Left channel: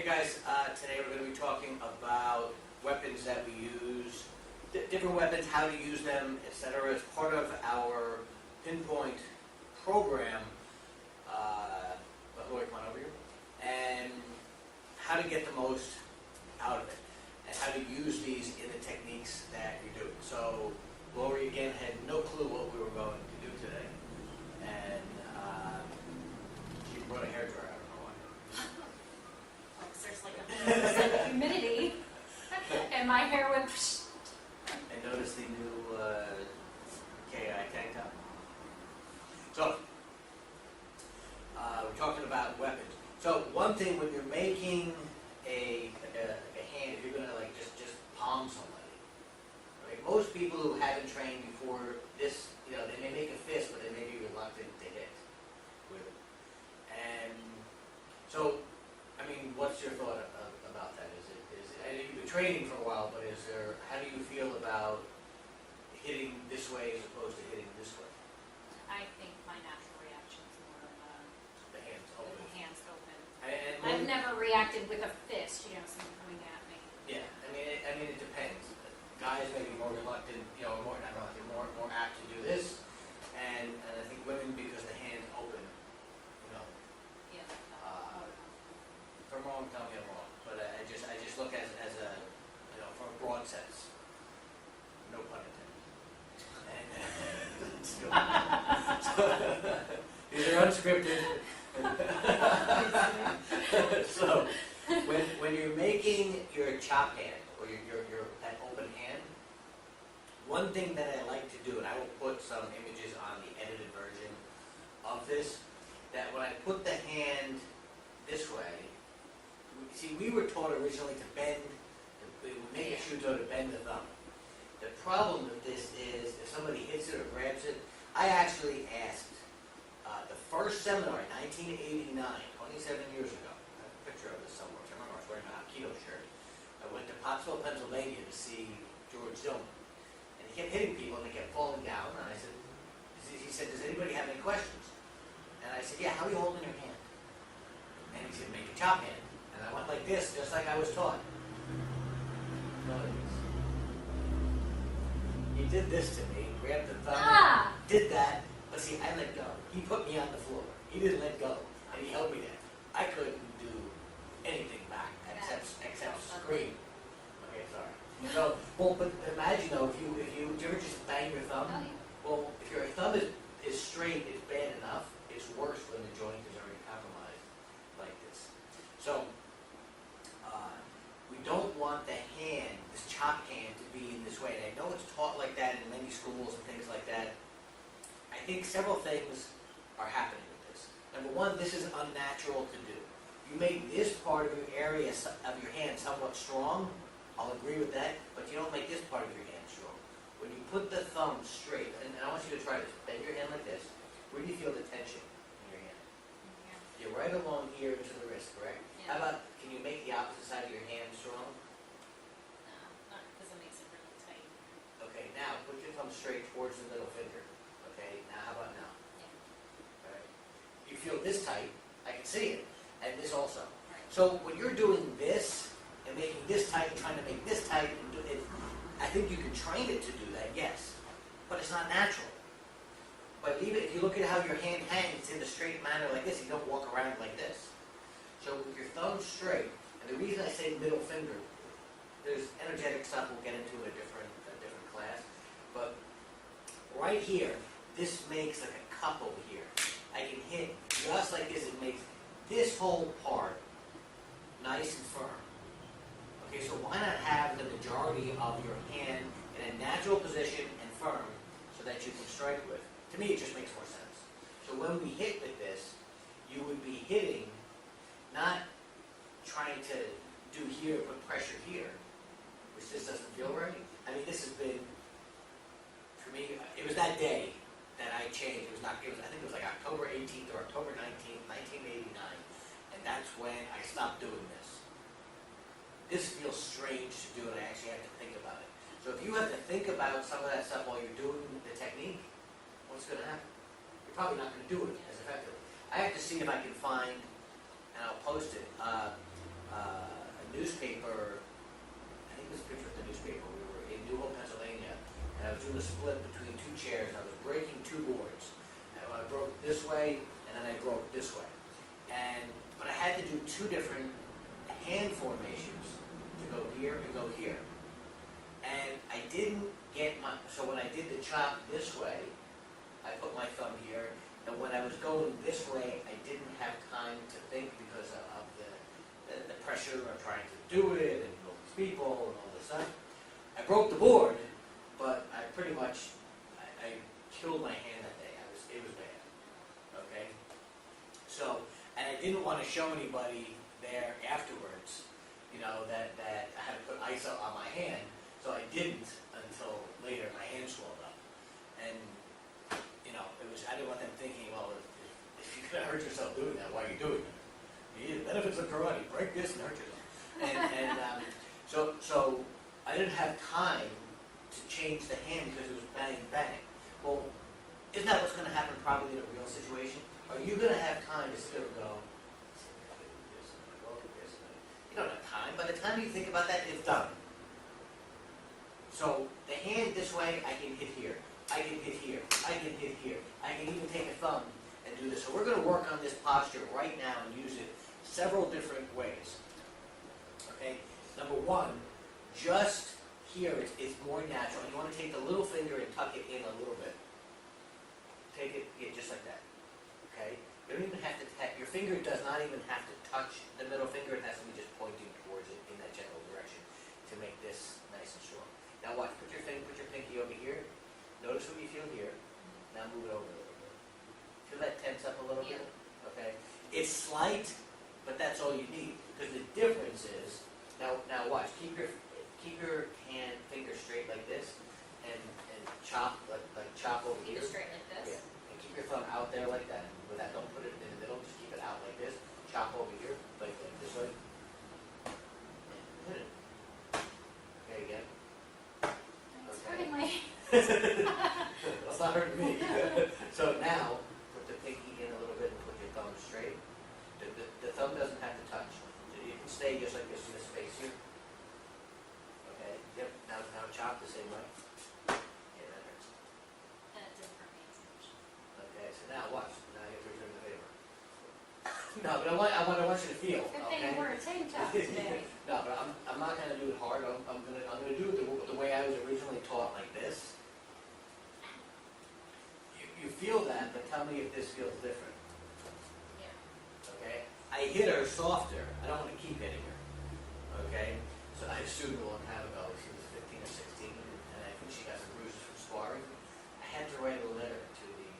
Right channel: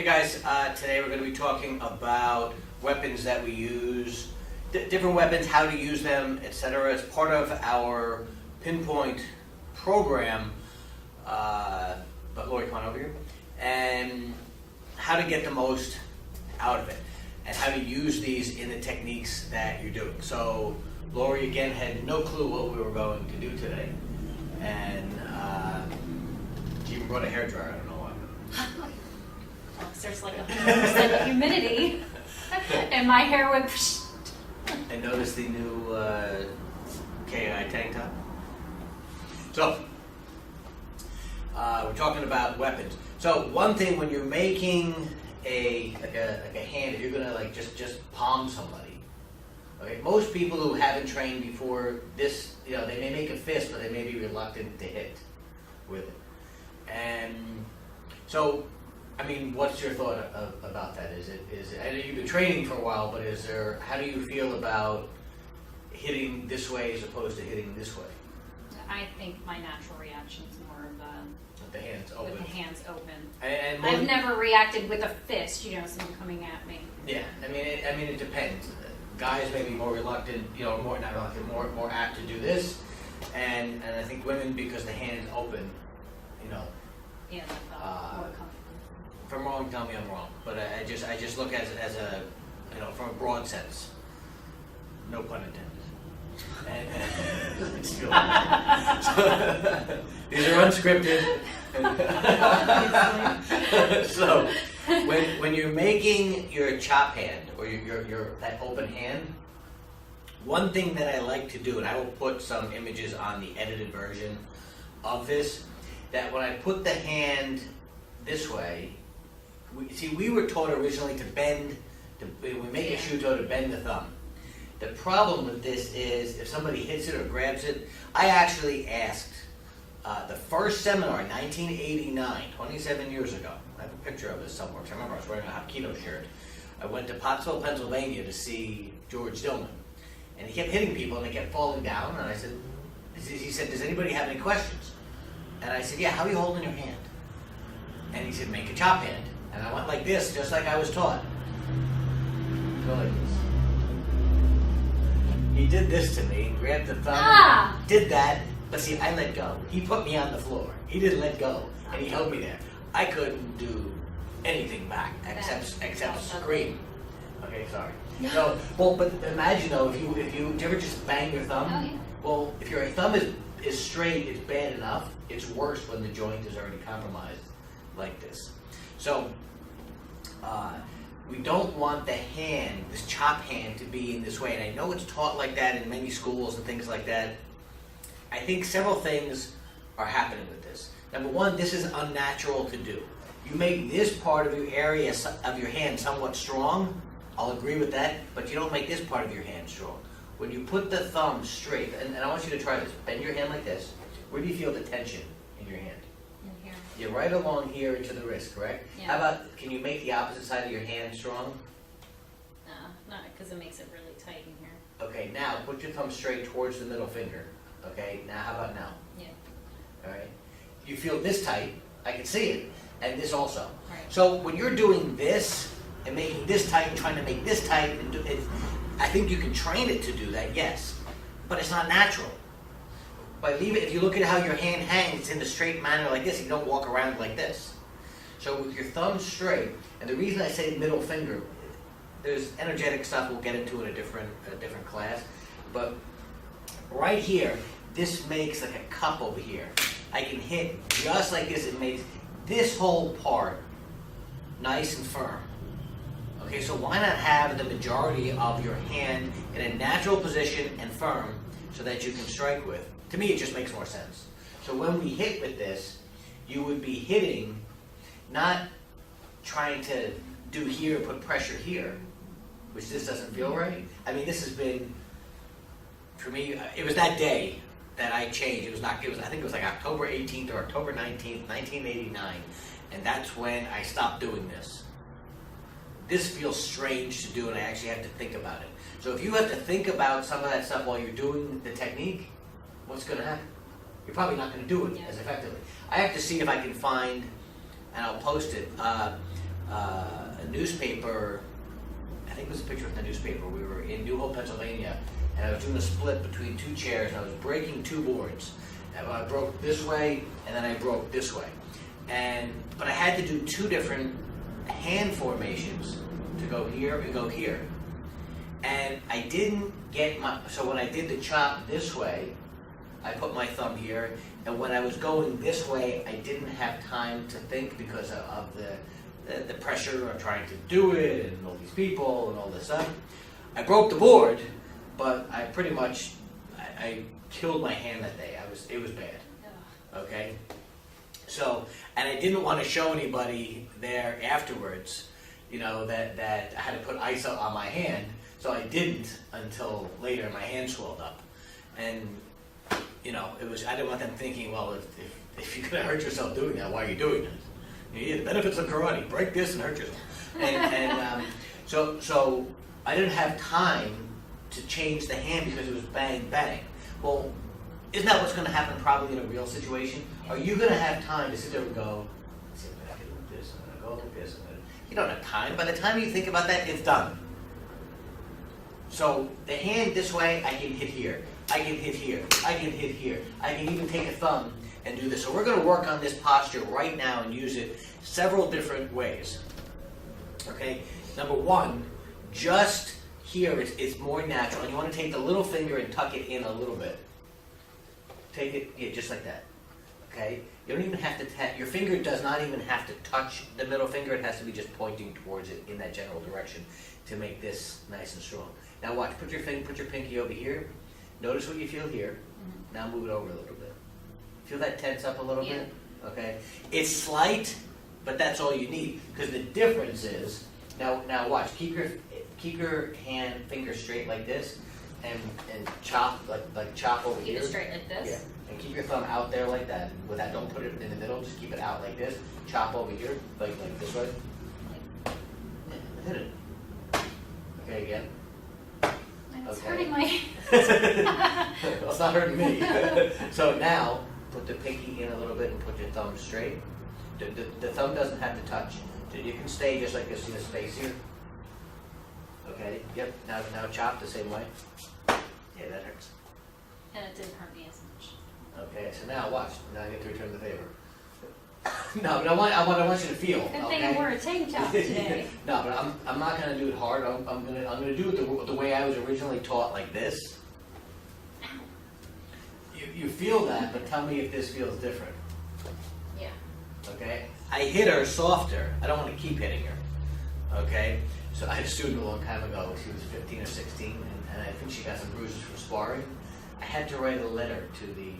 Hey guys, today we're going to be talking about weapons that we use, different weapons, how to use them, etc. As part of our PinPoint program, but Lori, come on over here, and how to get the most out of it, and how to use these in the techniques that you're doing. So Lori, again, had no clue what we were going to do today, and she even brought a hairdryer. I don't know why. Well, there's like 100% humidity, and my hair went. And notice the new KI tank top. So, we're talking about weapons. So one thing when you're making a hand, if you're gonna like just palm somebody, okay? Most people who haven't trained before this, you know, they may make a fist, but they may be reluctant to hit with it. And so, I mean, what's your thought about that? Is it? I know you've been training for a while, but how do you feel about hitting this way as opposed to hitting this way? I think my natural reaction is more of With the hands open. with the hands open. And I've never reacted with a fist, you know, someone coming at me. Yeah, I mean, it depends. Guys may be more reluctant, you know, not reluctant, more apt to do this, and I think women, because the hands open, you know. Yeah, that's more comfortable. If I'm wrong, tell me I'm wrong. But I just look at it as a, you know, from a broad sense. No pun intended. And just feel these are unscripted. So when you're making your chop hand or your that open hand, one thing that I like to do, and I will put some images on the edited version of this, that when I put the hand this way, we were taught originally to bend, we make a shoe toe to bend the thumb. The problem with this is if somebody hits it or grabs it, I actually asked the first seminar in 1989, 27 years ago. I have a picture of this somewhere because I remember I was wearing a Hapkido shirt. I went to Pottsville, Pennsylvania to see George Dillman. And he kept hitting people and they kept falling down. And I said, he said, does anybody have any questions? And I said, yeah, how are you holding your hand? And he said, make a chop hand. And I went like this, just like I was taught. Go like this. He did this to me, grabbed the thumb, did that, but see, I let go. He put me on the floor. He didn't let go, and he held me there. I couldn't do anything back except scream. Okay, sorry. So, well, but imagine though, if you do you ever just bang your thumb? Oh, yeah. Well, if your thumb is straight, it's bad enough. It's worse when the joint is already compromised like this. So, we don't want the hand, this chop hand, to be in this way. And I know it's taught like that in many schools and things like that. I think several things are happening with this. Number one, this is unnatural to do. You make this part of your area of your hand somewhat strong, I'll agree with that, but you don't make this part of your hand strong. When you put the thumb straight, and I want you to try this, bend your hand like this. Where do you feel the tension in your hand? In here. You're right along here to the wrist, correct? Yeah. How about, can you make the opposite side of your hand strong? No, not because it makes it really tight in here. Okay, now put your thumb straight towards the middle finger. Okay, now how about now? Yeah. All right. You feel this tight, I can see it, and this also. Right. So when you're doing this and making this tight and trying to make this tight, and I think you can train it to do that, yes, but it's not natural. If you look at how your hand hangs in a straight manner like this, you don't walk around like this. So with your thumb straight, and the reason I say middle finger, there's energetic stuff we'll get into in a different class, but right here, this makes like a cup over here. I can hit just like this. It makes this whole part nice and firm. Okay, so why not have the majority of your hand in a natural position and firm so that you can strike with? To me, it just makes more sense. So when we hit with this, you would be hitting, not trying to do here, put pressure here, which this doesn't feel right. I mean, this has been, for me, it was that day that I changed. I think it was like October 18th or October 19th, 1989, and that's when I stopped doing this. This feels strange to do, and I actually have to think about it. So if you have to think about some of that stuff while you're doing the technique, what's going to happen? You're probably not going to do it as effectively. I have to see if I can find, and I'll post it, a newspaper, I think it was a picture of the newspaper. We were in New Hope, Pennsylvania, and I was doing a split between two chairs, and I was breaking two boards. And I broke this way, and then I broke this way. But I had to do two different hand formations to go here and go here. And I didn't get so when I did the chop this way, I put my thumb here, and when I was going this way, I didn't have time to think because of the pressure of trying to do it, and all these people, and all this stuff. I broke the board, but I pretty much, I killed my hand that day. It was bad, okay? So, and I didn't want to show anybody there afterwards, that I had to put ice on my hand, so I didn't until later. My hand swelled up, and I didn't want them thinking, well, if you're gonna hurt yourself doing that, why are you doing it? The benefits of karate: break this and hurt yourself. So I didn't have time to change the hand because it was bang bang. Well, isn't that what's going to happen probably in a real situation? Are you going to have time to sit there and go, sit back and do this, and I'm going to go like this, and you don't have time. By the time you think about that, it's done. So the hand this way, I can hit here. I can hit here. I can hit here. I can even take a thumb and do this. So we're going to work on this posture right now and use it several different ways. Okay? Number one, just here it's more natural. And you want to take the little finger and tuck it in a little bit. Take it, yeah, just like that. Okay? You don't even have to your finger does not even have to touch the middle finger. It has to be just pointing towards it in that general direction to make this nice and strong. Now watch, put your pinky over here. Notice what you feel here. Mm-hmm. Now move it over a little bit. Feel that tense up a little bit? Okay? It's slight, but that's all you need. Because the difference is, now watch, keep your finger straight like this, and chop like chop over here. Keep it straight like this? Yeah. And keep your thumb out there like that. With that, don't put it in the middle, just keep it out like this. Chop over here, like this way. Yeah, hit it. Okay, again. It's hurting my Well, it's not hurting me. So now, put the pinky in a little bit and put your thumb straight. The thumb doesn't have to touch. You can stay just like this in the space here. Okay, yep. Now chop the same way. Yeah, that hurts. and it didn't hurt me as much. Okay, so now watch. Now I get to return the favor. No, but I want you to feel. Good okay? thing we're a tank top today. No, but I'm not gonna do it hard. I'm gonna do it the way I was originally taught, like this. You feel that, but tell me if this feels different. Yeah. Okay? I hit her softer. I don't want to keep hitting her. Okay? So I had a student a long time ago. She was 15 or 16, and I think she got some bruises from sparring. I had to write a letter to the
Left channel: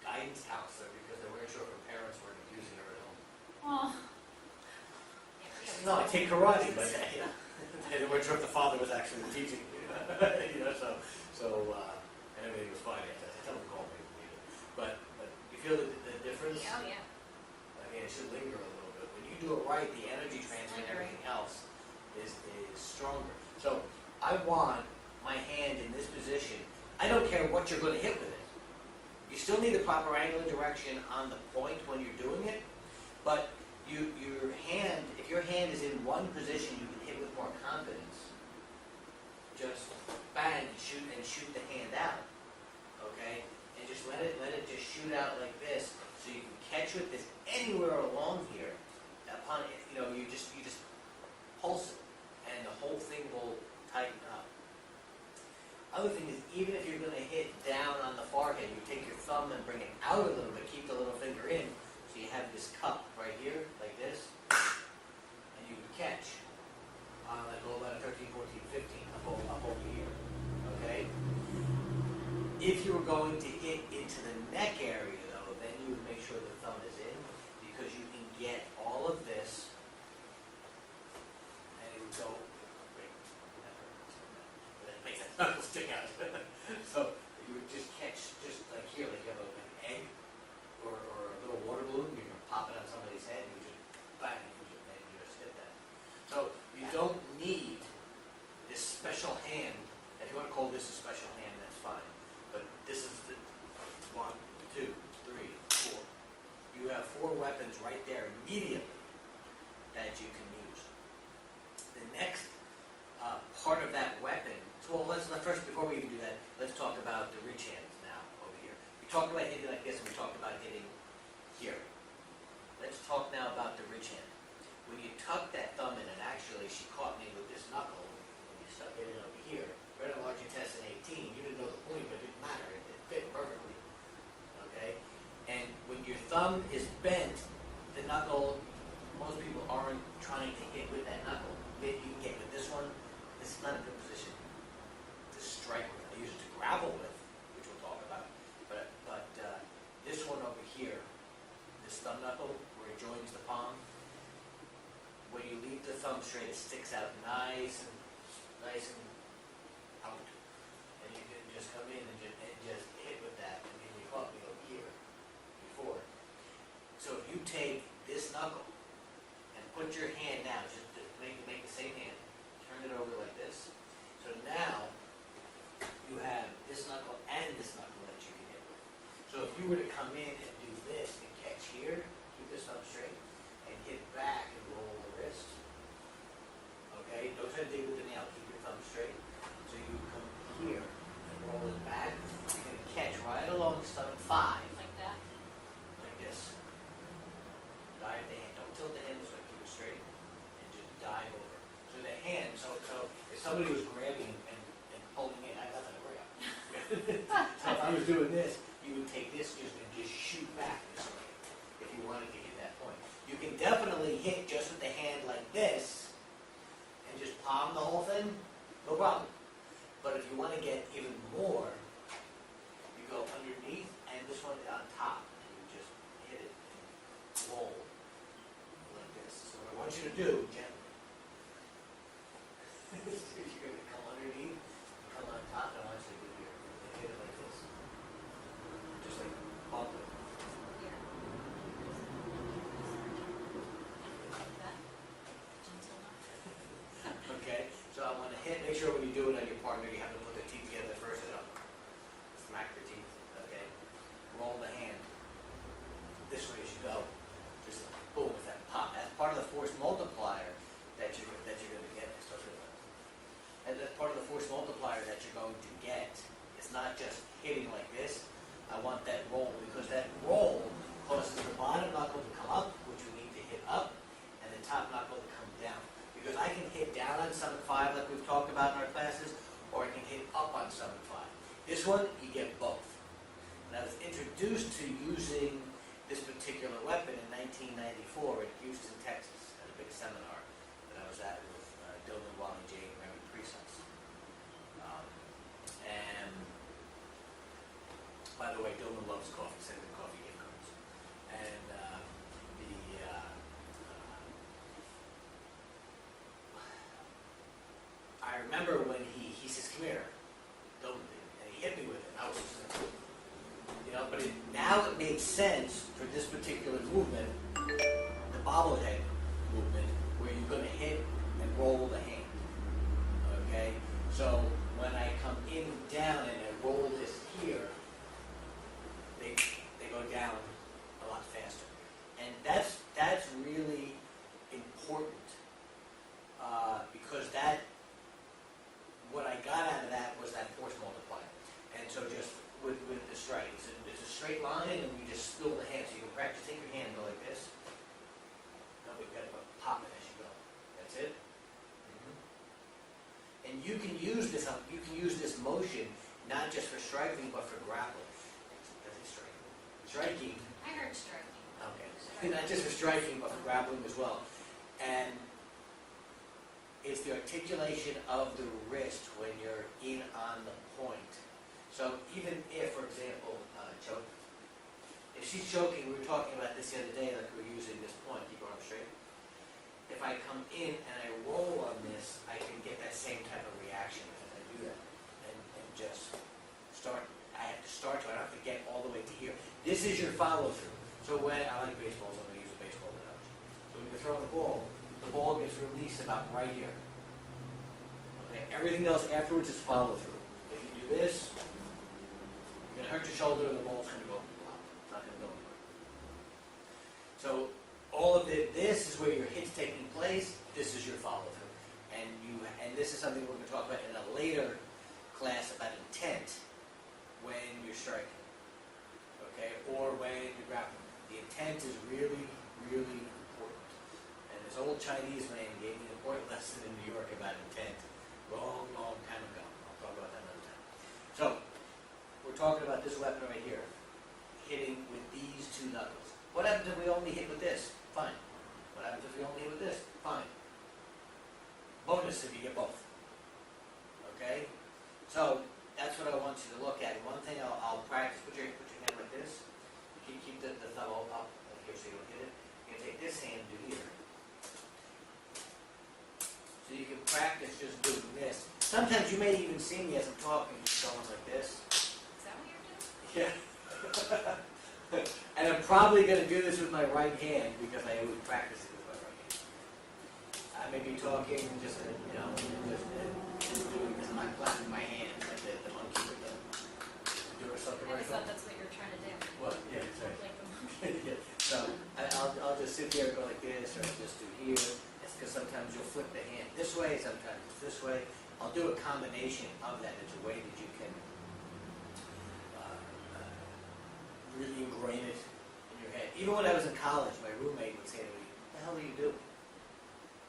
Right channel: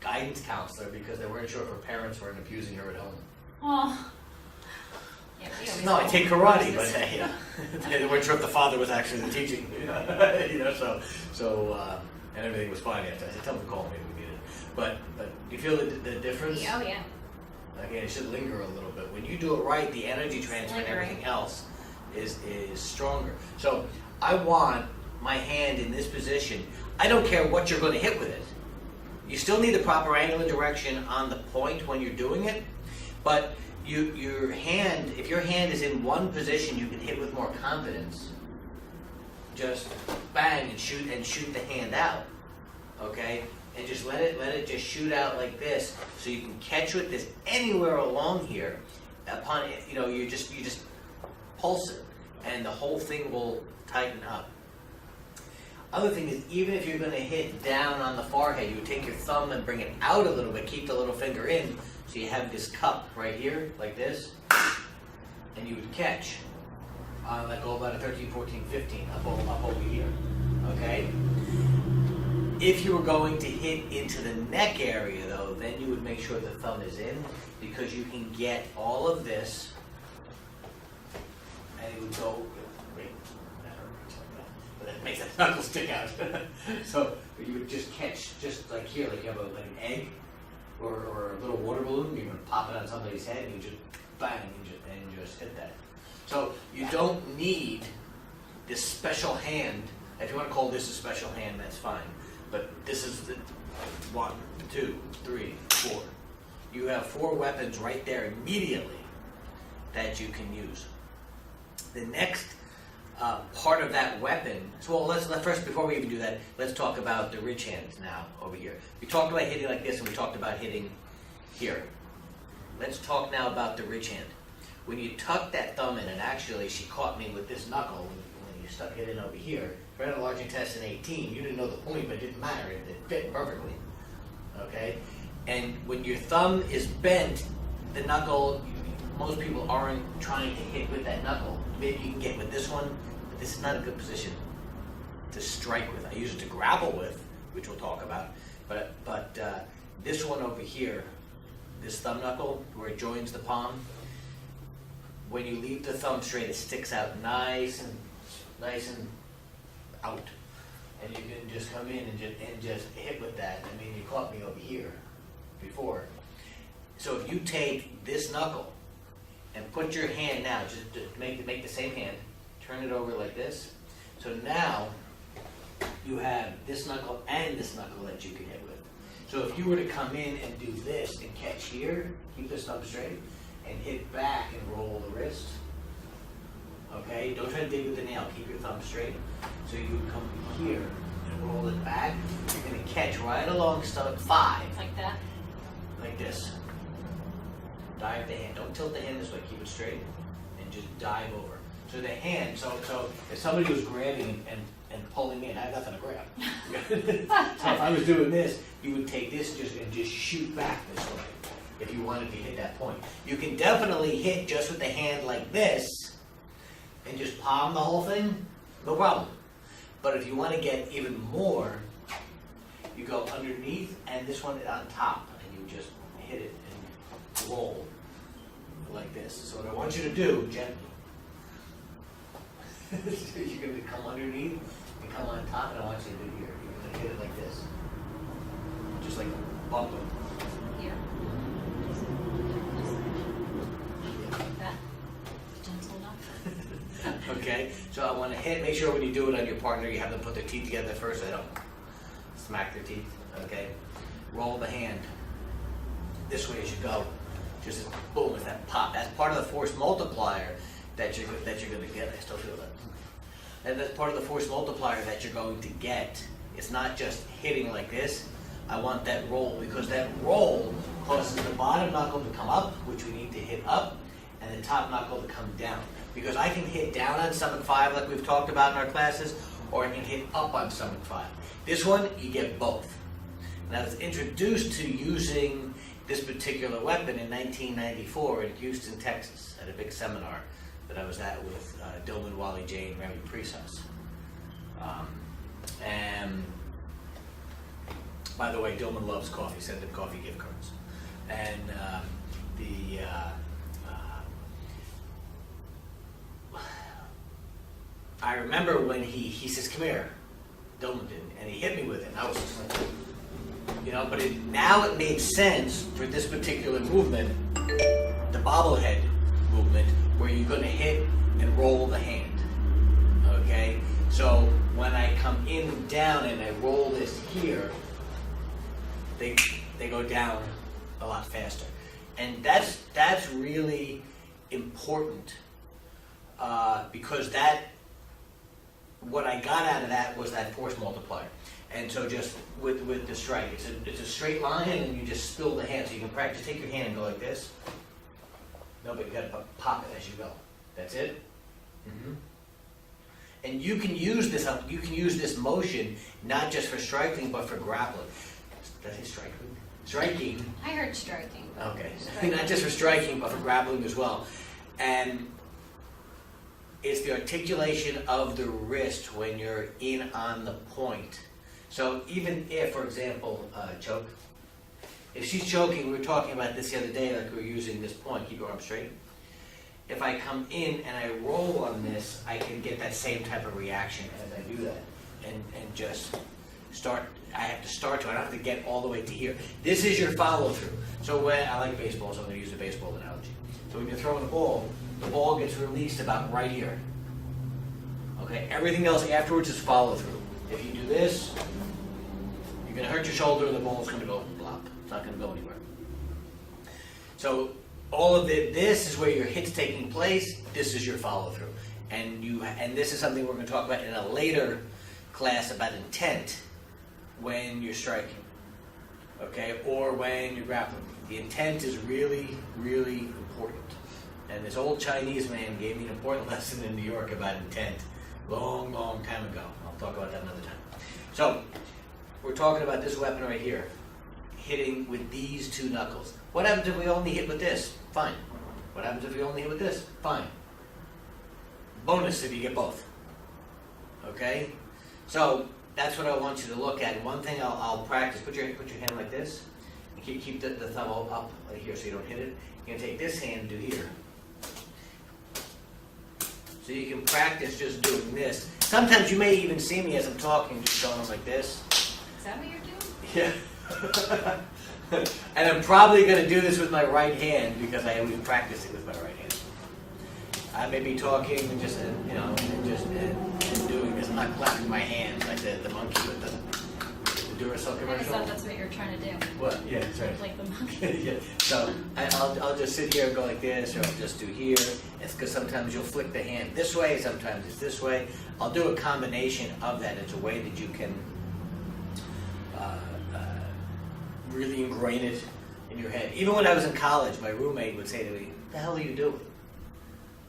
guidance counselor because they weren't sure if her parents weren't abusing her at home. Oh. Yeah, we always No, I call take them karate, bruises. but they weren't sure if the father was actually the teaching. And everything was fine after. I said, tell them to call me if we need it. But you feel the difference? Oh yeah. Again, it should linger a little bit. When you do it right, the energy transfer and Lingering. everything else is stronger. So I want my hand in this position. I don't care what you're going to hit with it. You still need the proper angle and direction on the point when you're doing it, but your hand, if your hand is in one position, you can hit with more confidence. Just bang and shoot the hand out, okay? And just let it just shoot out like this, so you can catch with this anywhere along here. Upon it, you just pulse it, and the whole thing will tighten up. Other thing is, even if you're going to hit down on the forehead, you would take your thumb and bring it out a little bit, keep the little finger in, so you have this cup right here, like this, and you would catch on like about a 13, 14, 15, up over here, okay? If you were going to hit into the neck area though, then you would make sure the thumb is in, because you can get all of this, and it would go, makes that knuckle stick out. So you would just catch just like here, like you have like an egg or a little water balloon, you're going to pop it on somebody's head and you just bang and just hit that. So you don't need this special hand. If you want to call this a special hand, that's fine. But this is the 1, 2, 3, 4. you have 4 weapons right there immediately that you can use. The next part of that weapon, so let's first, before we even do that, let's talk about the ridge hands now over here. We talked about hitting like this and we talked about hitting here. Let's talk now about the ridge hand. When you tuck that thumb in, and actually she caught me with this knuckle when you stuck it in over here, right on large intestine 18, you didn't know the point, but it didn't matter, it fit perfectly, okay? And when your thumb is bent, the knuckle, most people aren't trying to hit with that knuckle. Maybe you can get with this one, but this is not a good position to strike with. I use it to grapple with, which we'll talk about, but this one over here, this thumb knuckle, where it joins the palm, when you leave the thumb straight, it sticks out nice and out. And you can just come in and just hit with that. I mean, you caught me over here before. So if you take this knuckle and put your hand now, just to make the same hand, turn it over like this. So now you have this knuckle and this knuckle that you can hit with. So if you were to come in and do this and catch here, keep this thumb straight, and hit back and roll the wrist. Okay, don't try to dig with the nail, keep your thumb straight. So you would come here and roll it back. You're going to catch right along stomach 5. Like that? Like this. Dive the hand. Don't tilt the hand this way, keep it straight. And just dive over. So the hand, so if somebody was grabbing and pulling in, I have nothing to grab. So if I was doing this, you would take this and just shoot back this way if you wanted to hit that point. You can definitely hit just with the hand like this and just palm the whole thing, no problem. But if you want to get even more, you go underneath and this one on top, and you just hit it and roll like this. So what I want you to do, gently, you're going to come underneath and come on top, and I want you to do here. You're going to hit it like this. Just like bump it. Here? Like that? Gentle enough? Okay, so I want to hit, make sure when you do it on your partner, you have them put their teeth together first so they don't smack their teeth, okay? Roll the hand this way as you go. Just boom, with that pop. That's part of the force multiplier that you're going to get. I still feel that. And that's part of the force multiplier that you're going to get. It's not just hitting like this. I want that roll, because that roll causes the bottom knuckle to come up, which we need to hit up, and the top knuckle to come down. Because I can hit down on stomach 5 like we've talked about in our classes, or I can hit up on stomach 5. This one, you get both. And I was introduced to using this particular weapon in 1994 in Houston, Texas, at a big seminar that I was at with Dillman, Wally Jane, Remy Prisos. And by the way, Dillman loves coffee. Send him coffee gift cards. And I remember when he says, "Come here," Dillman did, and he hit me with it. And I was just like, but now it made sense for this particular movement, the bobblehead movement, where you're going to hit and roll the hand. Okay? So when I come in and down and I roll this here, they go down a lot faster. And that's really important because what I got out of that was that force multiplier. And so just with the strike, it's a straight line, and you just spill the hand. So you can practice, take your hand and go like this. No, but you got to pop it as you go. That's it. Mm-hmm. And you can use this. You can use this motion not just for striking, but for grappling. Did I say striking? Striking. I heard striking. Okay. Striking. Not just for striking, but for grappling as well. And it's the articulation of the wrist when you're in on the point. So even if, for example, choke, if she's choking, we were talking about this the other day, like we were using this point, keep your arm straight. If I come in and I roll on this, I can get that same type of reaction as I do that. And just start, I have to start to, I don't have to get all the way to here. This is your follow through. So when, I like baseball, so I'm going to use a baseball analogy. So when you're throwing the ball gets released about right here. Okay, everything else afterwards is follow through. If you do this, you're going to hurt your shoulder and the ball's going to go blop. It's not going to go anywhere. So all of this is where your hit's taking place. This is your follow through, and this is something we're going to talk about in a later class about intent when you're striking, okay, or when you're grappling. The intent is really, really important. And this old Chinese man gave me an important lesson in New York about intent, long, long time ago. I'll talk about that another time. So we're talking about this weapon right here, hitting with these two knuckles. What happens if we only hit with this? Fine. What happens if we only hit with this? Fine. Bonus if you get both. Okay? So that's what I want you to look at. One thing I'll practice, put your hand like this. Keep the thumb up like here so you don't hit it. You're going to take this hand and do here. So you can practice just doing this. Sometimes you may even see me as I'm talking, just going like this. Is that what you're doing? Yeah. And I'm probably going to do this with my right hand because I always practice it with my right hand. I may be talking and just, and doing this. I'm not clapping my hands like the monkey with the Duracell I commercial. thought that's what you're trying to do. What? Yeah, that's right. Like the monkey. Yeah. So I'll just sit here and go like this, or I'll just do here. It's because sometimes you'll flick the hand this way, sometimes it's this way. I'll do a combination of that. It's a way that you can really ingrain it in your head. Even when I was in college, my roommate would say to me, "What the hell are you doing?"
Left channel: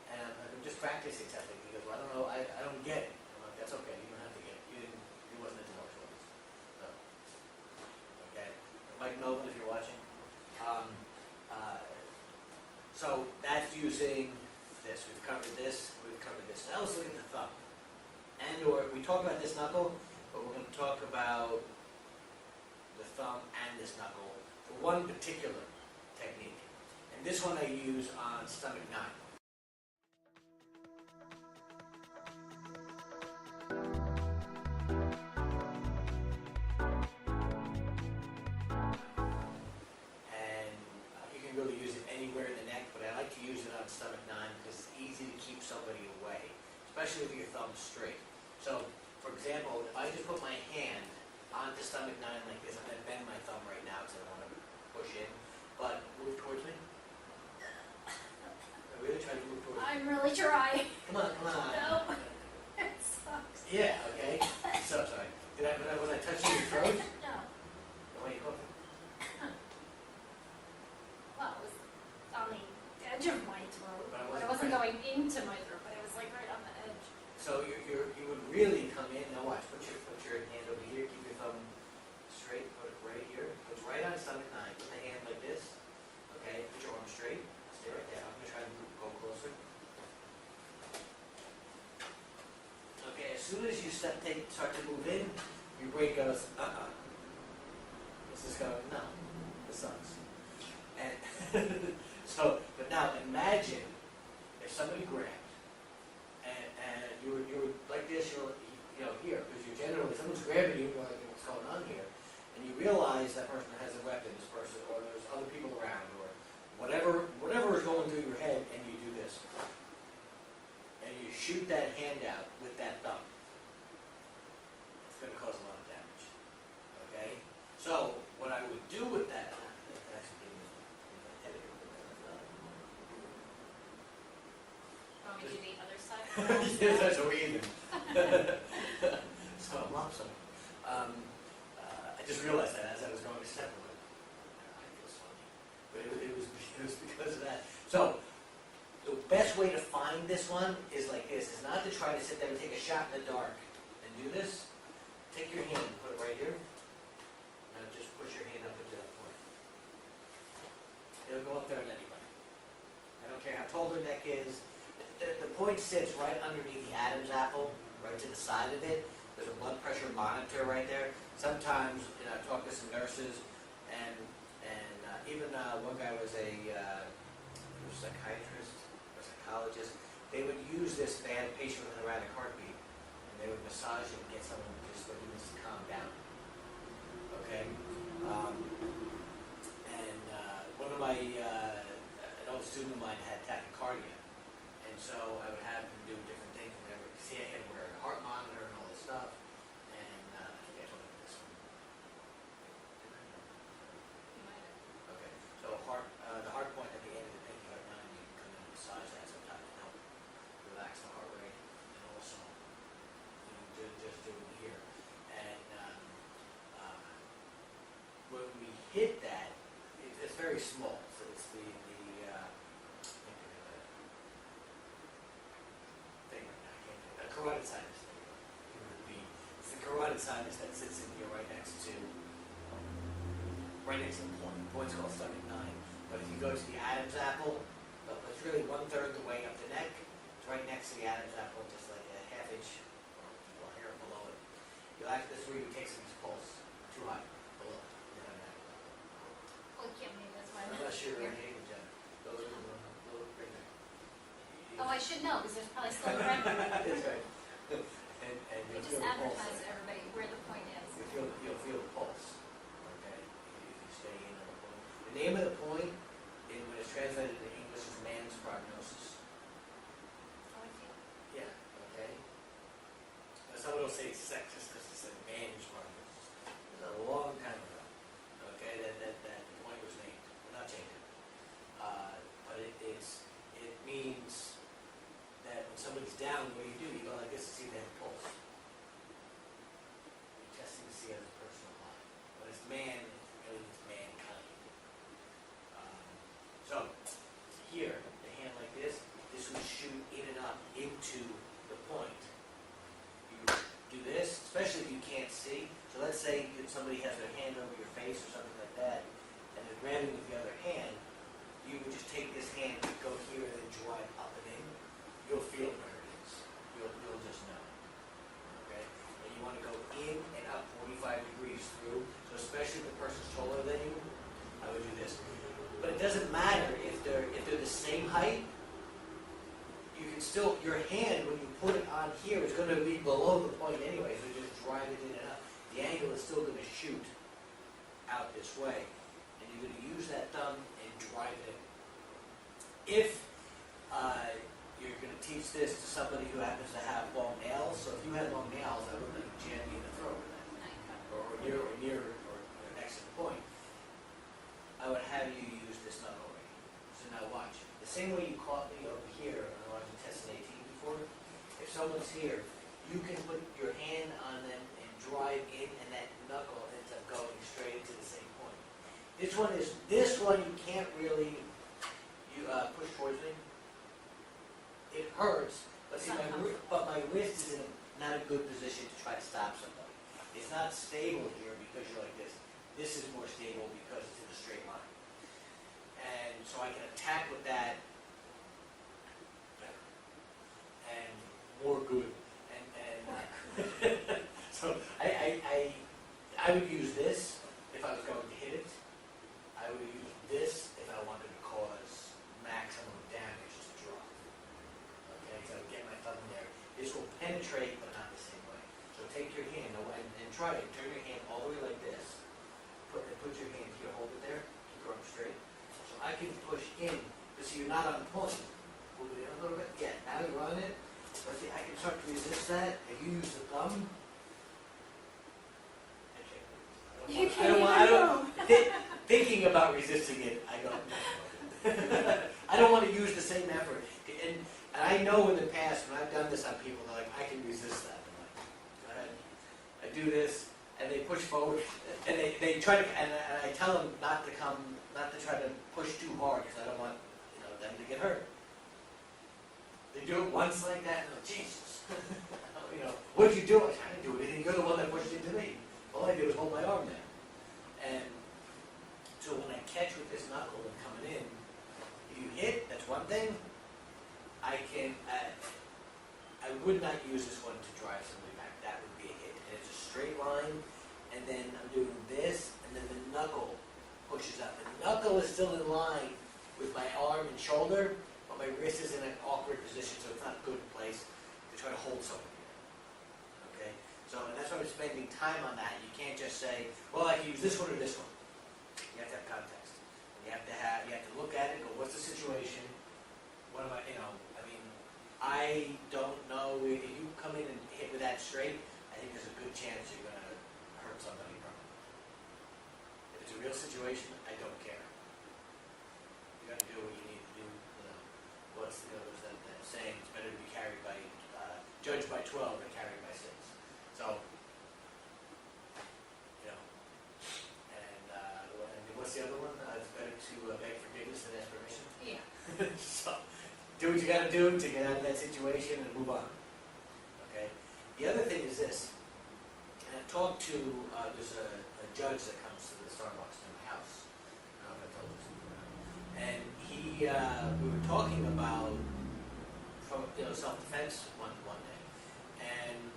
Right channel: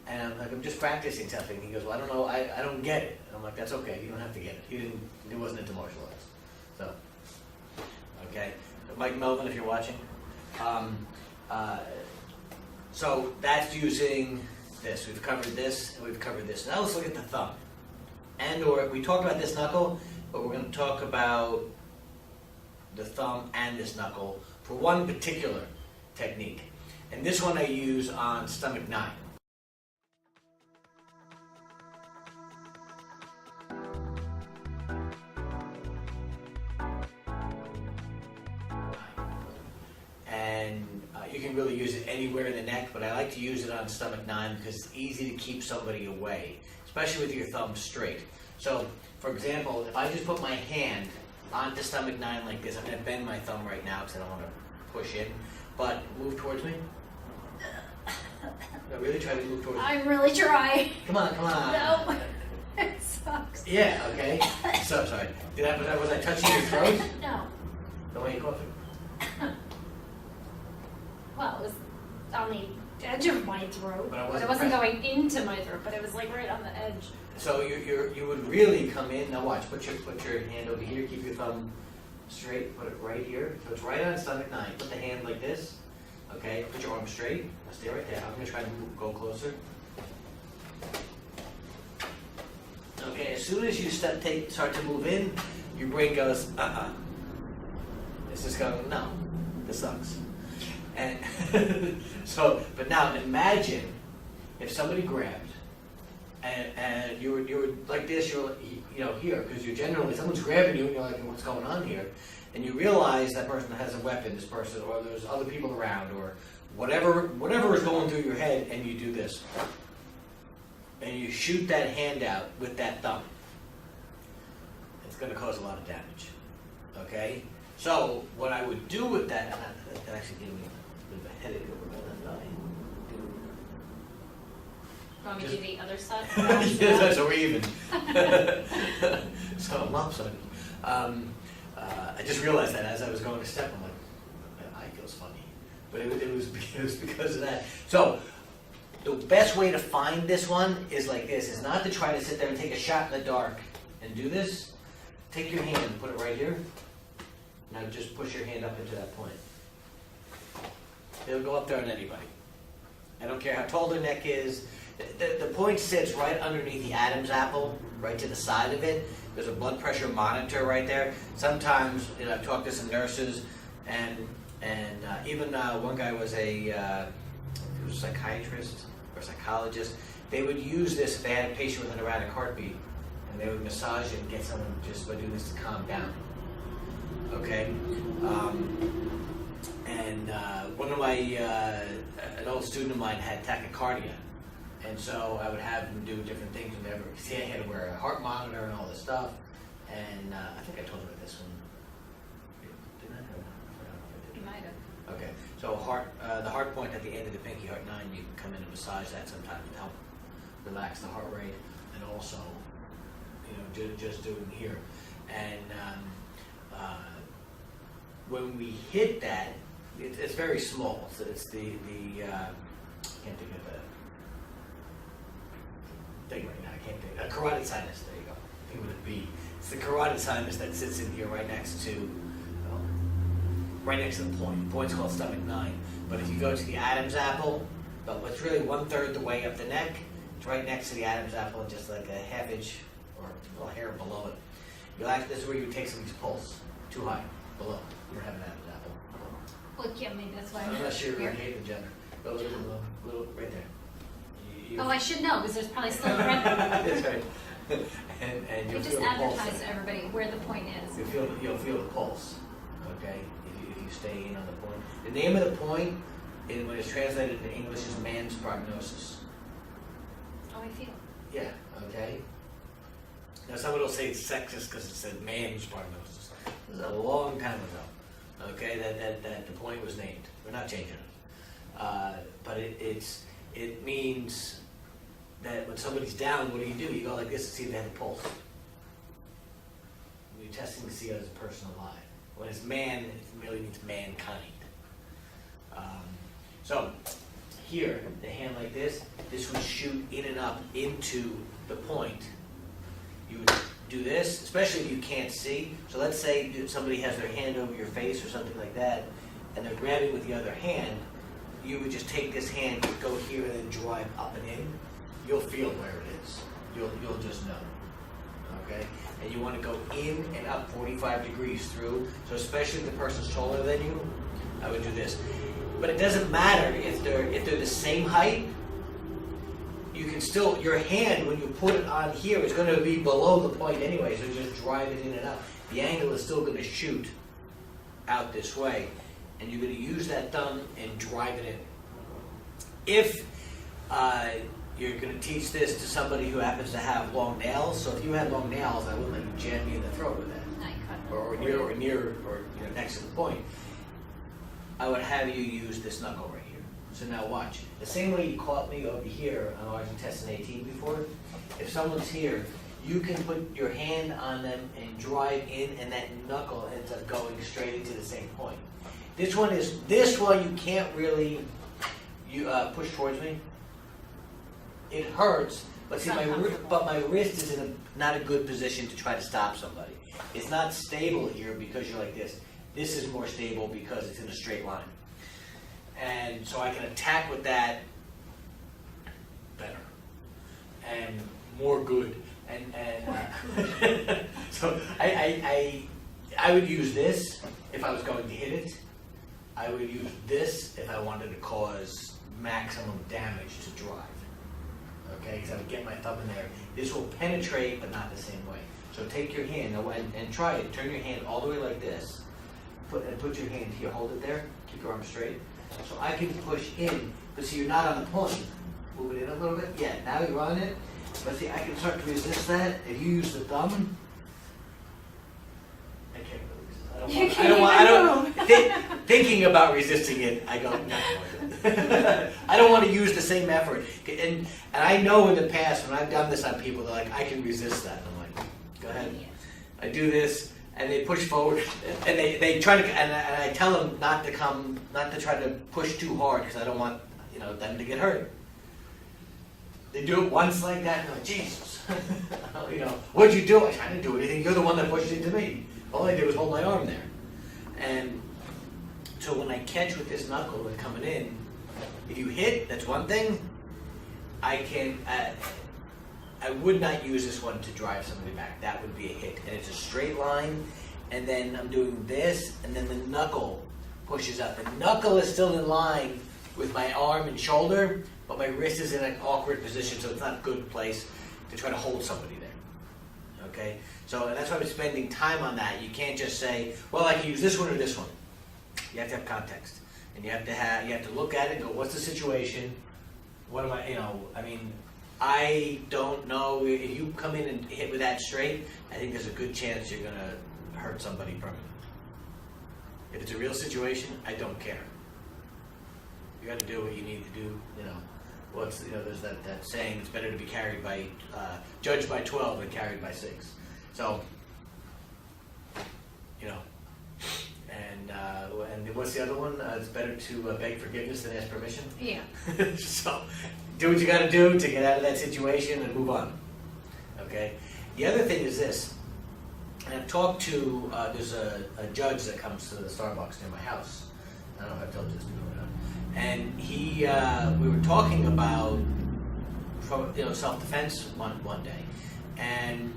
And I'm like, "I'm just practicing something." He goes, "Well, I don't know. I don't get it." And I'm like, "That's okay. You don't have to get it." He wasn't into martial arts. So, okay. Mike Melvin, if you're watching. So that's using this. We've covered this, and we've covered this. Now let's look at the thumb. Or we talked about this knuckle, but we're going to talk about the thumb and this knuckle for one particular technique. And this one I use on stomach 9. You can really use it anywhere in the neck, but I like to use it on stomach 9 because it's easy to keep somebody away, especially with your thumb straight. So, for example, if I just put my hand onto stomach 9 like this, I'm going to bend my thumb right now because I don't want to push in, but move towards me. No, really try to move towards me. I'm really trying. Come on, come on. No, it sucks. Yeah, okay. So, sorry. Was I touching your throat? No. The way you coughing? Well, it was on the edge of my throat, But it wasn't going into my throat, but it was like right on the edge. So you would really come in. Now watch. Put your hand over here. Keep your thumb straight. Put it right here. So it's right on stomach 9. Put the hand like this. Okay. Put your arm straight. Now stay right there. I'm gonna try to go closer. Okay. As soon as you start to move in, your brain goes, This is going, no. This sucks. And but now imagine if somebody grabbed and you were like this, you're here, because you're generally, someone's grabbing you and you're like, what's going on here? And you realize that person has a weapon, this person, or there's other people around, or whatever is going through your head, and you do this. And you shoot that hand out with that thumb. It's going to cause a lot of damage. Okay? So what I would do with that, and that actually gave me a bit of a headache over my left eye. Want me to do the other side? Yes, so we're even. So I'm lopsided. I just realized that as I was going to step, I'm like, my eye feels funny. But it was because of that. So the best way to find this one is like this, is not to try to sit there and take a shot in the dark and do this. Take your hand, put it right here. Now just push your hand up into that point. It'll go up there on anybody. I don't care how tall their neck is. The point sits right underneath the Adam's apple, right to the side of it. There's a blood pressure monitor right there. Sometimes, I've talked to some nurses, and even one guy was he was a psychiatrist or psychologist. They would use this if they had a patient with an erratic heartbeat, and they would massage it and get someone just by doing this to calm down. Okay, one of my an old student of mine had tachycardia, and so I would have him do different things. Whenever, see, I had to wear a heart monitor and all this stuff, and I think I told him about this one. Didn't I? You might have. Okay, So the heart point at the end of the pinky heart 9, you can come in and massage that sometimes to help relax the heart rate, and also, you know, just doing here. And when we hit that, it's very small. So it's the I can't think of the thing right now. I can't think. A carotid sinus. There you go. I think with a B. It's the carotid sinus that sits in here right next to the point. The point's called stomach 9. But if you go to the Adam's apple, but what's really 1/3 the way up the neck, it's right next to the Adam's apple, and just like a half inch or a little hair below it. This is where you would take somebody's pulse. Too high, below. You don't have an Adam's apple. Well, yeah, maybe that's why I'm Unless you're here. Hayden Jenner. Go a little right there. Oh, I should know, because there's probably still a red. That's right. And We you'll just feel the pulse. advertise to everybody where the point is. You'll feel the pulse, okay, if you stay in on the point. The name of the point, when it's translated into English, is man's prognosis. Oh, I feel. Yeah, okay. Now, someone will say it's sexist because it said man's prognosis. This is a long time ago, okay, that the point was named. We're not changing it. But it means that when somebody's down, what do? You go like this to see if they have a pulse. You're testing to see if a person alive. When it's man, it really means mankind. So here, the hand like this would shoot in and up into the point. You would do this, especially if you can't see. So let's say somebody has their hand over your face or something like that, and they're grabbing with the other hand. You would just take this hand, go here, and then drive up and in. You'll feel where it is. You'll just know. Okay? And you want to go in and up 45 degrees through. So especially if the person's taller than you, I would do this. But it doesn't matter if they're the same height. You can still, your hand, when you put it on here, is going to be below the point anyway, so just drive it in and up. The angle is still going to shoot out this way, and you're going to use that thumb and drive it in. If you're going to teach this to somebody who happens to have long nails, so if you had long nails, I wouldn't let you jam me in the throat with that, I cut or near, next to the point. I would have you use this knuckle right here. So now watch. The same way you caught me over here on large intestine 18 before, if someone's here, you can put your hand on them and drive in, and that knuckle ends up going straight into the same point. This one you can't really push towards me. It hurts, but see, my wrist is in not a good position to try to stop somebody. It's not stable here because you're like this. This is more stable because it's in a straight line. And so I can attack with that better and more good. And so I would use this if I was going to hit it. I would use this if I wanted to cause maximum damage to drive. Okay, because I would get my thumb in there. This will penetrate, but not the same way. So take your hand and try it. Turn your hand all the way like this. Put your hand here. Hold it there. Keep your arm straight. So I can push in, but see, you're not on the point. Move it in a little bit. Yeah, now you're on it. But see, I can start to resist that. If you use the thumb, I can't really resist. I don't. Thinking about resisting it, I go, no. I don't want to use the same effort. And I know in the past when I've done this on people, they're like, I can resist that. I'm like, go ahead. I do this, and they push forward, and they try to, and I tell them not to try to push too hard because I don't want them to get hurt. They do it once like that, and they're like, Jesus, what'd you do? I didn't do anything. You're the one that pushed into me. All I did was hold my arm there. And so when I catch with this knuckle and coming in, if you hit, that's one thing. I would not use this one to drive somebody back. That would be a hit. And it's a straight line, and then I'm doing this, and then the knuckle pushes up. The knuckle is still in line with my arm and shoulder, but my wrist is in an awkward position, so it's not a good place to try to hold somebody there. Okay? So and that's why I'm spending time on that. You can't just say, well, I can use this one or this one. You have to have context. And you have to look at it and go, what's the situation? What am I don't know. If you come in and hit with that straight, I think there's a good chance you're going to hurt somebody permanently. If it's a real situation, I don't care. You got to do what you need to do. You know, there's that saying: it's better to be judged by 12 than carried by 6. So, you know, and what's the other one? It's better to beg forgiveness than ask permission. Yeah. So, do what you got to do to get out of that situation and move on. Okay. The other thing is this. And I've talked to, there's a judge that comes to the Starbucks near my house. I don't know if I've told you this before. And we were talking about, self-defense one day. And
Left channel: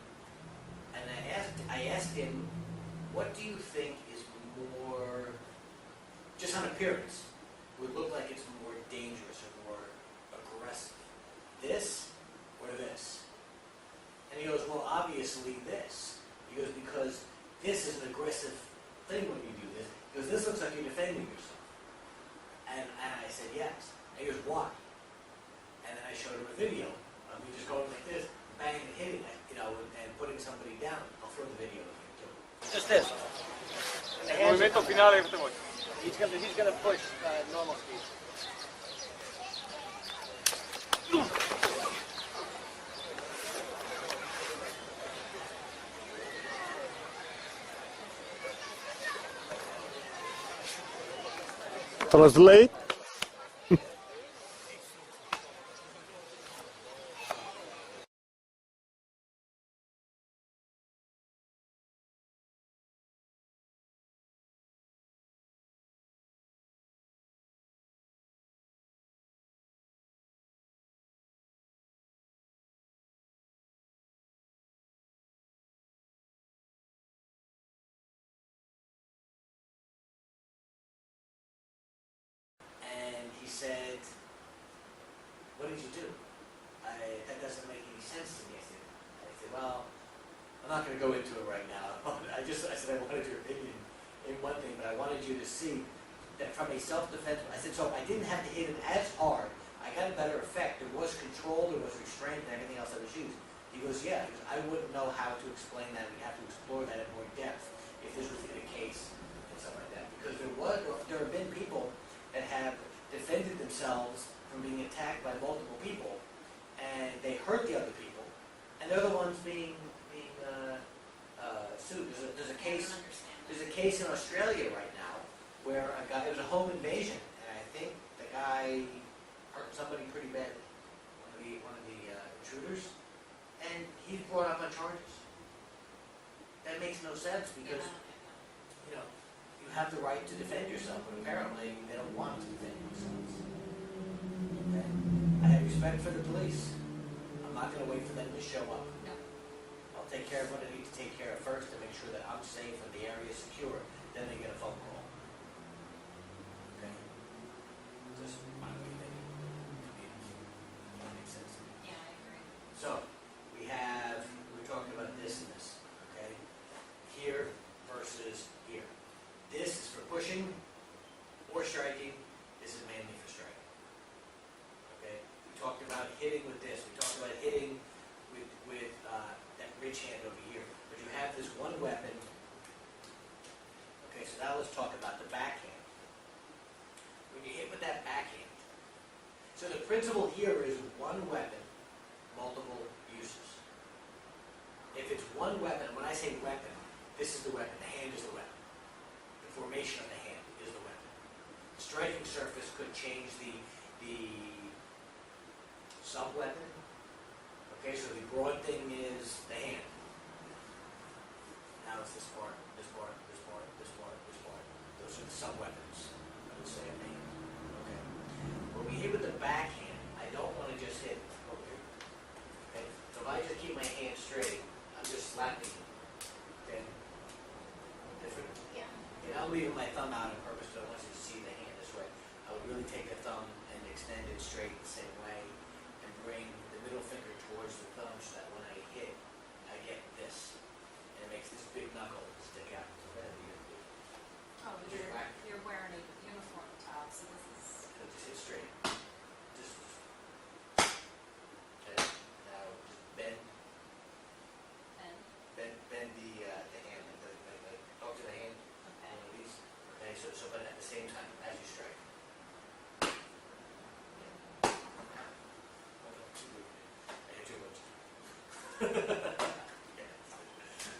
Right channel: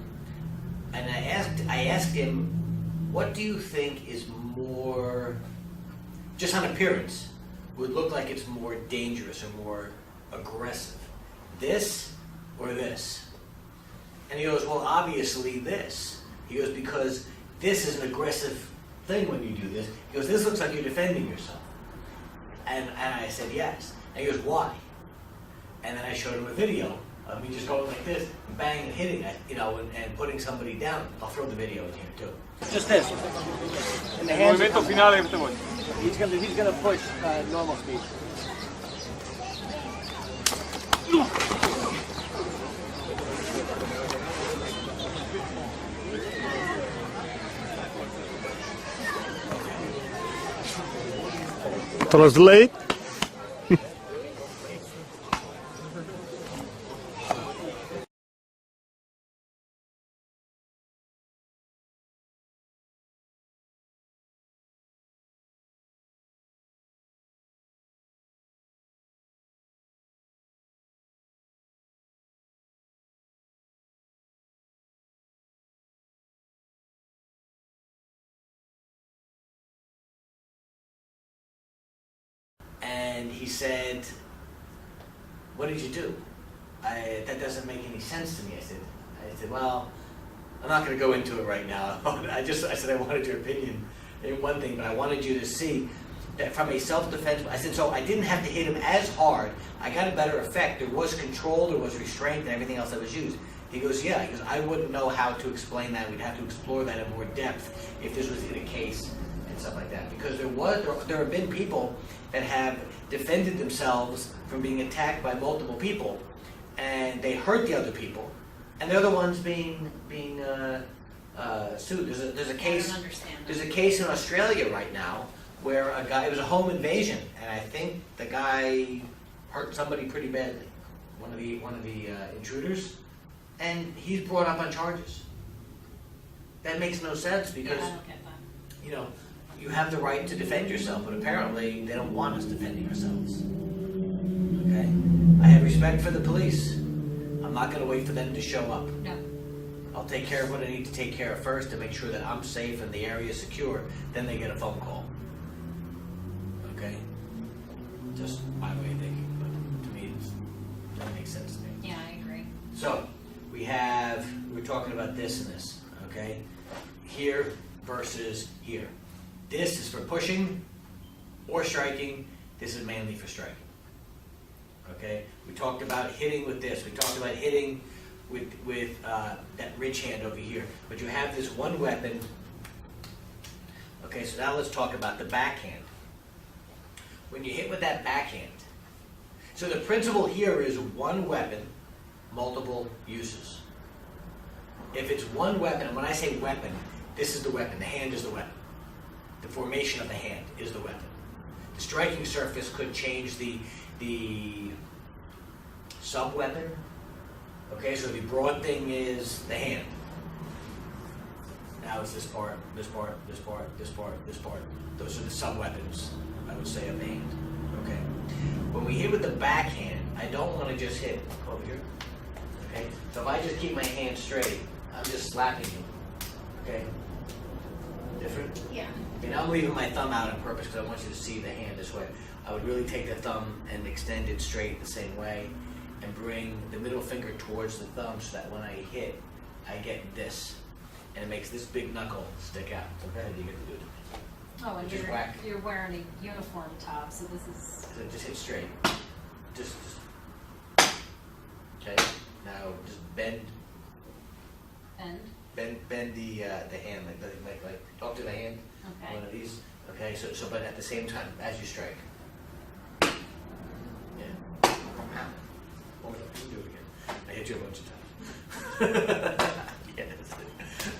I asked him, what do you think is more, just on appearance, would look like it's more dangerous or more aggressive? This or this? And he goes, well, obviously this. He goes, because this is an aggressive thing when you do this. He goes, this looks like you're defending yourself. And I said, yes. And he goes, why? And then I showed him a video of me just going like this, bang, and hitting it, and putting somebody down. I'll throw the video in here too. Just this. And the hands Movimento finale, te voy. he's gonna push normal speed. Translate. And he said, what did you do? That doesn't make any sense to me. I said, well, I'm not going to go into it right now. I said I wanted your opinion in one thing, but I wanted you to see that from a self-defense, I said, so I didn't have to hit him as hard. I got a better effect. There was control, there was restraint, and everything else that was used. He goes, yeah. He goes, I wouldn't know how to explain that. We'd have to explore that in more depth if this was in a case and stuff like that. Because there have been people that have defended themselves from being attacked by multiple people, and they hurt the other people, and they're the ones being sued. There's a case. I don't understand that. There's a case in Australia right now where a guy. It was a home invasion, and I think the guy hurt somebody pretty badly. One of the intruders, and he's brought up on charges. That makes no sense Yeah, because I don't get that. you have the right to defend yourself, but apparently they don't want us defending ourselves. Okay? I have respect for the police. I'm not going to wait for them to show up. No. I'll take care of what I need to take care of first to make sure that I'm safe and the area is secure. Then they get a phone call. Okay? Just my way of thinking, but to me, that makes sense to me. Yeah, I agree. So, we're talking about this and this, okay? Here versus here. This is for pushing or striking. This is mainly for striking. Okay? We talked about hitting with this. We talked about hitting with that ridge hand over here. But you have this one weapon. Okay, so now let's talk about the backhand. When you hit with that backhand, so the principle here is one weapon, multiple uses. If it's one weapon, and when I say weapon, this is the weapon. The hand is the weapon. The formation of the hand is the weapon. The striking surface could change the sub-weapon. Okay, so the broad thing is the hand. Now it's this part, this part, this part, this part, this part. Those are the sub-weapons, I would say, of the hand. Okay. When we hit with the backhand, I don't want to just hit over here. Okay. So if I just keep my hand straight, I'm just slapping him. Okay. Different? Yeah. And I'm leaving my thumb out on purpose because I want you to see the hand this way. I would really take the thumb and extend it straight the same way and bring the middle finger towards the thumb so that when I hit, I get this. And it makes this big knuckle stick out. So go ahead, you get to do it. Oh, and Just whack. you're wearing a uniform top, so this is. So just hit straight. Just. Okay. Now just bend the hand like talk to the hand. Okay. One of these. Okay. So but at the same time as you strike. Yes.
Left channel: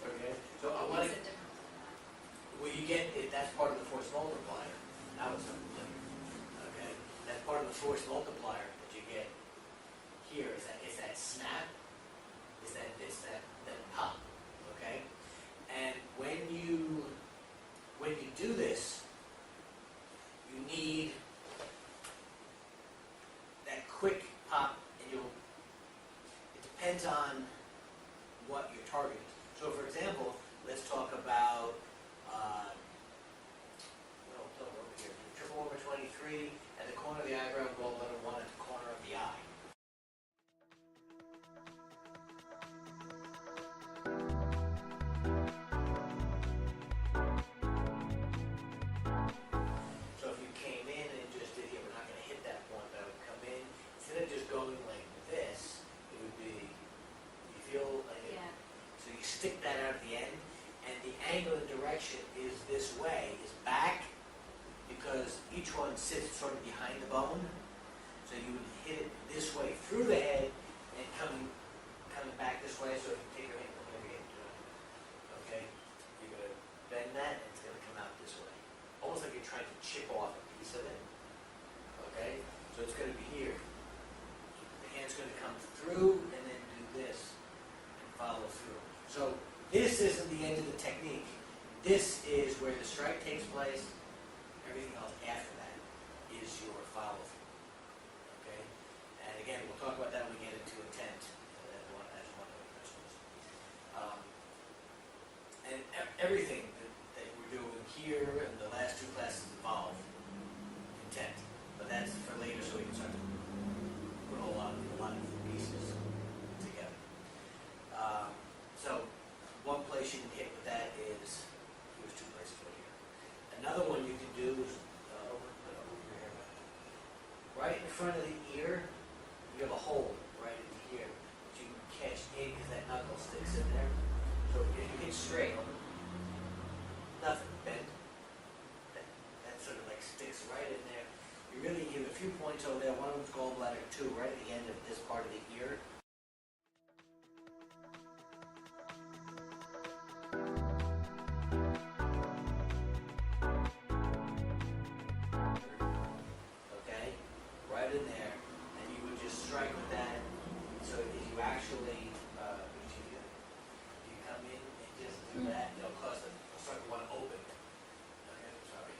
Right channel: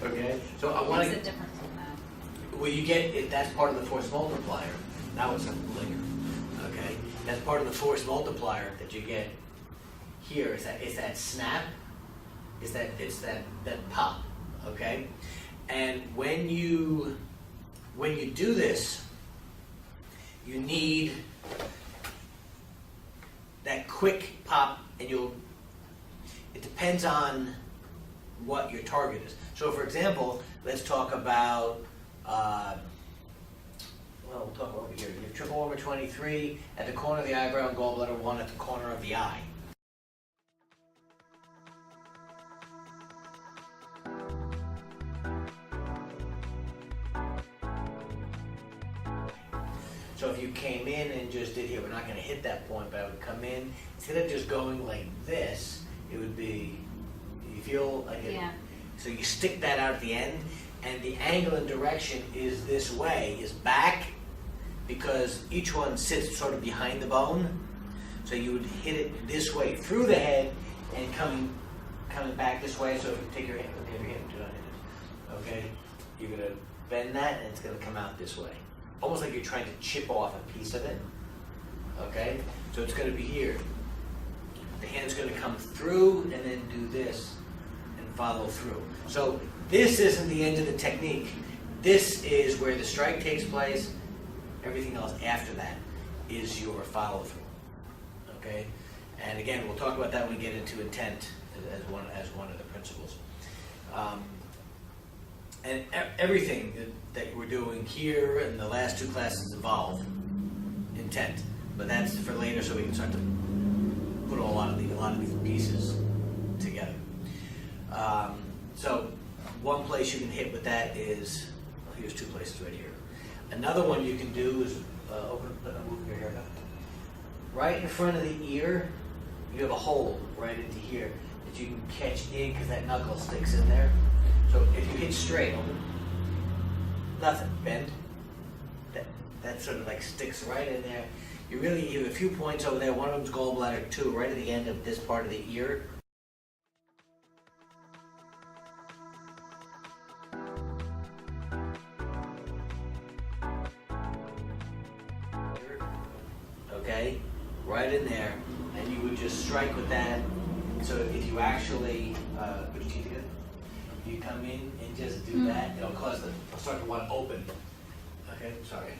Okay, so I want What's to, the difference in that? well, you get, it. That's part of the force multiplier. Now it's a flicker. Okay, that's part of the force multiplier that you get here. Is that snap? It's that pop. Okay, and when you do this, you need that quick pop, and it depends on what your target is. So for example, let's talk about, we'll talk over here. You have triple over 23 at the corner of the eyebrow and gallbladder 1 at the corner of the eye. So if you came in and just did here, we're not going to hit that point, but I would come in, instead of just going like this, it would be, you feel like it, Yeah. so you stick that out at the end, and the angle and direction is this way, is back, because each one sits sort of behind the bone, so you would hit it this way through the head and coming back this way. So if you take your hand, okay, your hand, do not hit it. Okay, you're gonna bend that, and it's gonna come out this way, almost like you're trying to chip off a piece of it. Okay, so it's gonna be here. The hand's gonna come through and then do this and follow through. So this isn't the end of the technique. This is where the strike takes place. Everything else after that is your follow through. Okay, and again, we'll talk about that when we get into intent as one of the principles. And everything that we're doing here in the last two classes involve intent, but that's for later, so we can start to put a lot of these pieces together. So one place you can hit with that is, well, here's two places right here. Another one you can do is move your hair back. Right in front of the ear, you have a hole right into here that you can catch in because that knuckle sticks in there. So if you hit straight, nothing, bend. That sort of like sticks right in there. You have a few points over there. One of them's gallbladder 2, right at the end of this part of the ear. Okay, right in there, and you would just strike with that. So if you actually put your teeth together, if you come in and just do that, it'll start to want to open. Okay, sorry.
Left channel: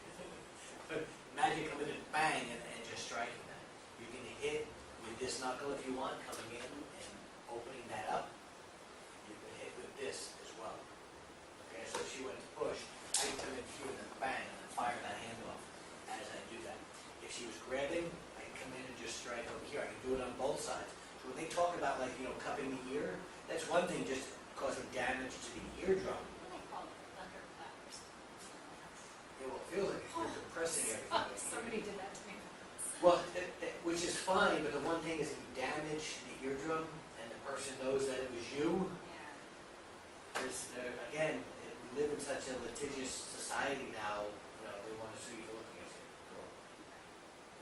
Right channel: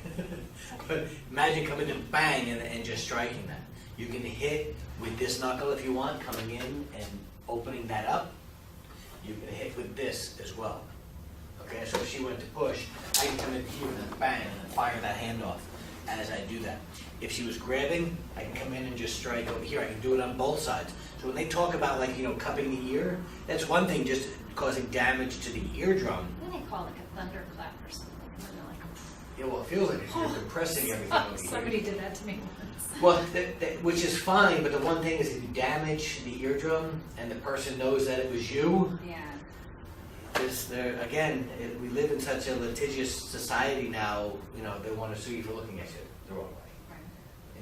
But imagine coming in bang and just striking that. You can hit with this knuckle if you want, coming in and opening that up. You can hit with this as well. Okay, so if she went to push, I can come in here and then bang and then fire that hand off as I do that. If she was grabbing, I can come in and just strike over here. I can do it on both sides. So when they talk about cupping the ear, that's one thing, just causing damage to the eardrum. What do they call it, like a thunderclap or something? Like, Yeah, well, it feels like it. You're compressing everything over here. somebody did that to me once. Well, which is fine, but the one thing is if you damage the eardrum and the person knows that it was you, Yeah. we live in such a litigious society now, they want to sue you for looking at you the wrong way.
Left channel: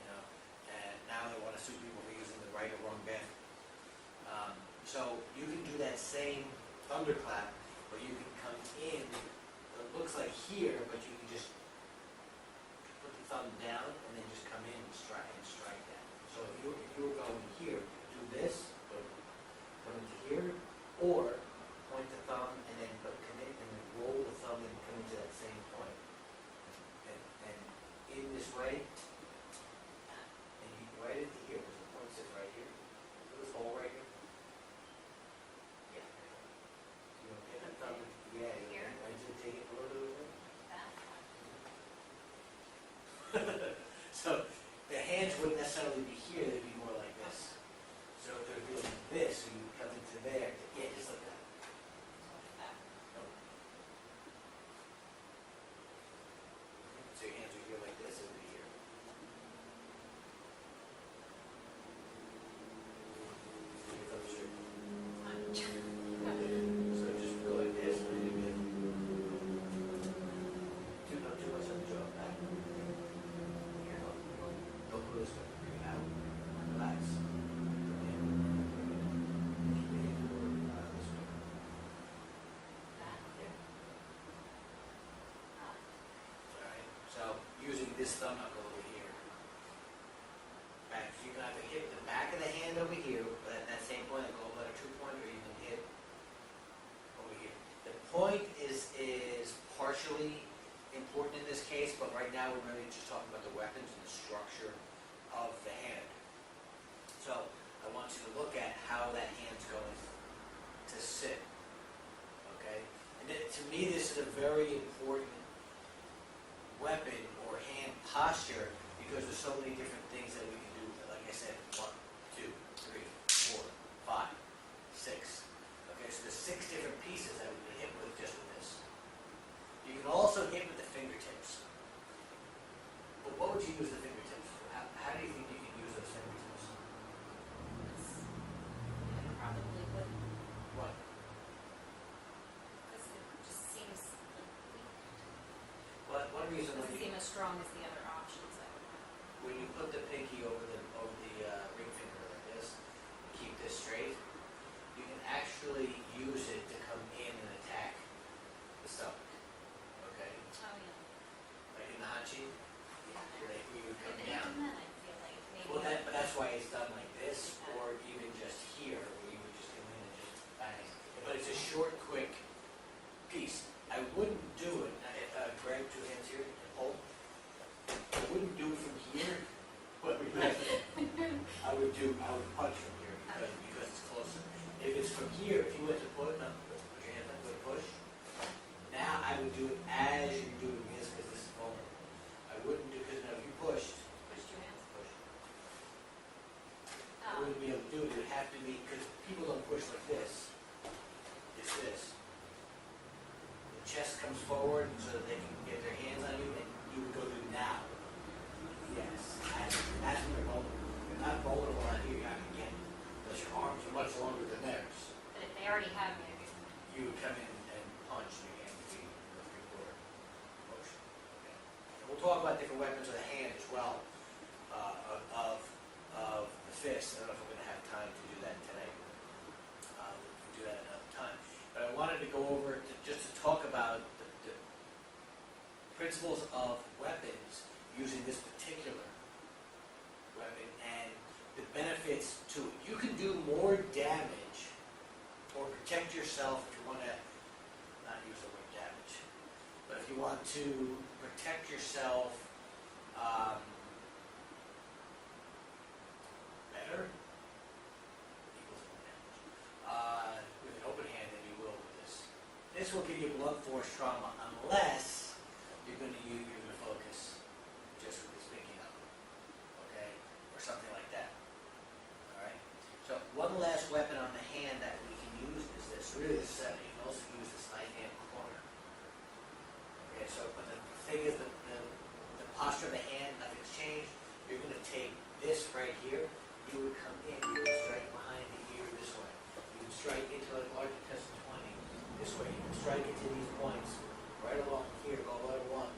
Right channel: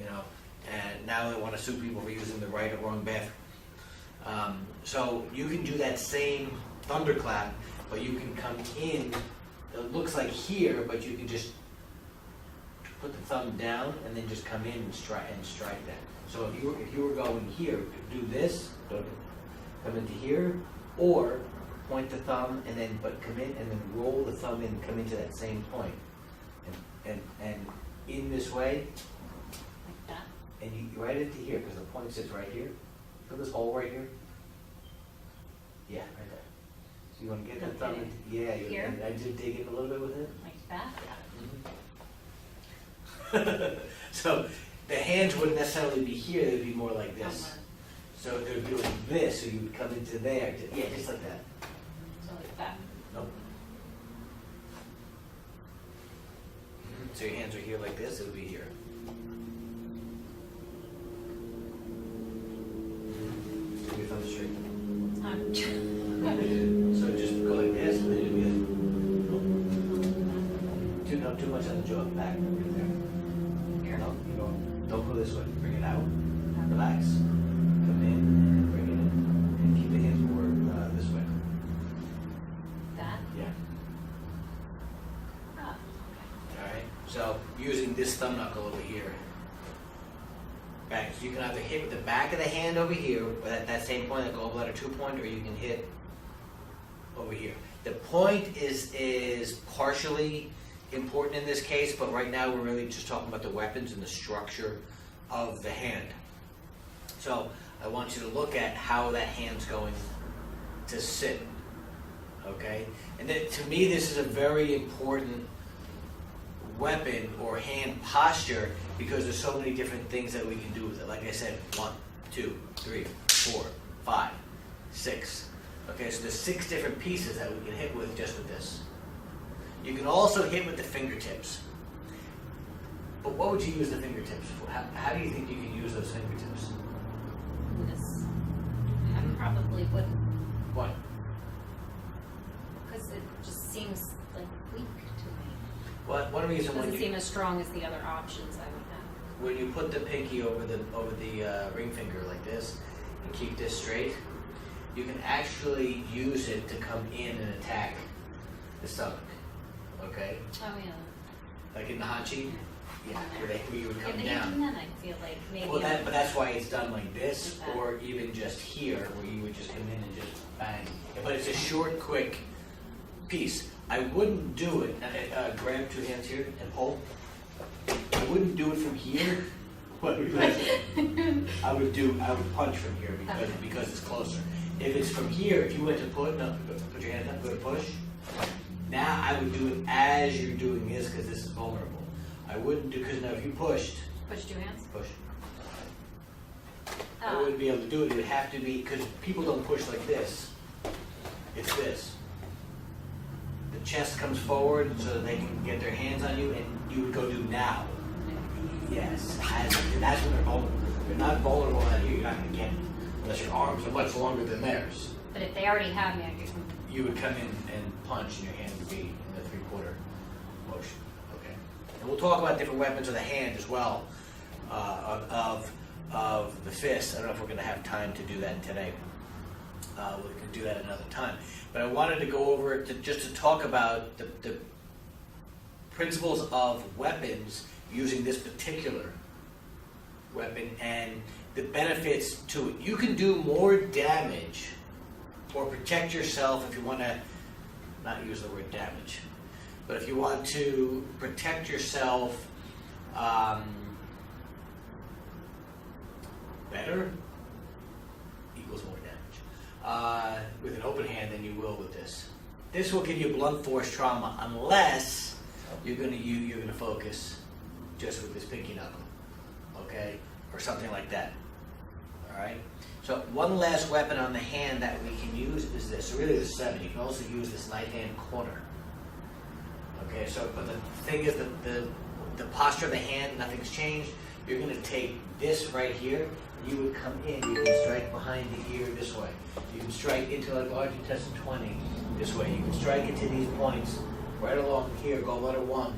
Right. And now they want to sue people for using the right or wrong bathroom. So you can do that same thunderclap, but you can come in, it looks like here, but you can just put the thumb down and then just come in and strike that. So if you were going here, do this, come into here, or point the thumb and then come in and then roll the thumb in, come into that same point, and in this way, Like that. and you right into here because the point sits right here. Feel this hole right here? Yeah, right there. So you want to get the thumb Okay. into, yeah, Here? I just dig in a little bit with it. Like that. So the hands wouldn't necessarily be here, they'd be more like this. Somewhere. So they would be like this, so you would come into there. Yeah, just like that. So like that. Nope. So your hands are here like this, it would be here. So your thumb is straight. So just go like this, and then you'd be like, not too much on the jaw, back, right there. Here. No, don't go this way. Bring it out. Relax. Come in and bring it in. And keep the hands more this way. using this thumb knuckle over here. Back, so you can either hit with the back of the hand over here, or that same point, that gallbladder 2 point, or you can hit over here. The point is partially important in this case, but right now we're really just talking about the weapons and the structure of the hand. So I want you to look at how that hand's going to sit, okay? And then, to me, this is a very important weapon or hand posture because there's so many different things that we can do with it. Like I said, 1, 2, 3, 4, 5, 6. Okay, so there's 6 different pieces that we can hit with just with this. You can also hit with the fingertips. But what would you use the fingertips for? How do you think you can use those fingertips? This, I probably wouldn't, What? because it just seems like weak to me. Well, one reason when Doesn't you seem as strong as the other options I would have. when you put the pinky over the ring finger like this and keep this straight, you can actually use it to come in and attack the stomach. Okay, Oh, yeah. like in the hanchi, yeah, where you would come And down. even then, I feel like maybe. Well, but that's why it's done like this, Like that. or even just here, where you would just come in and just bang. But it's a short, quick piece. I wouldn't do it. Grab 2 hands here and pull. I wouldn't do it from here. What would you like? I would punch from here because it's closer. If it's from here, if you went to put your hand up, go to push. Now I would do it as you're doing this because this is vulnerable. I wouldn't do, because now if you pushed, Push 2 hands? push. I wouldn't be able to do it. It would have to be, because people don't push like this. It's this. The chest comes forward so that they can get their hands on you, and you would go do now. Yes. That's when they're vulnerable. They're not vulnerable out here. You're not going to get it unless your arms are much longer than theirs. But if they already have me, I could. You would come in and punch, and your hand would be in the 3/4 motion. Okay. And we'll talk about different weapons of the hand as well, of the fist. I don't know if we're going to have time to do that today. We can do that another time. But I wanted to go over it just to talk about the principles of weapons using this particular weapon and the benefits to it. You can do more damage or protect yourself if you want to not use the word damage, but if you want to protect yourself better equals more damage with an open hand than you will with this. This will give you blunt force trauma unless you're going to focus just with this pinky knuckle, okay, or something like that. All right. So one last weapon on the hand that we can use is this. So really, the 7. You can also use this knife hand corner. Okay. So, but the thing is, the posture of the hand, nothing's changed. You're going to take this right here. You would come in. You can strike behind the ear this way. You can strike into like large intestine 20 this way. You can strike into these points right along here. Gallbladder 1,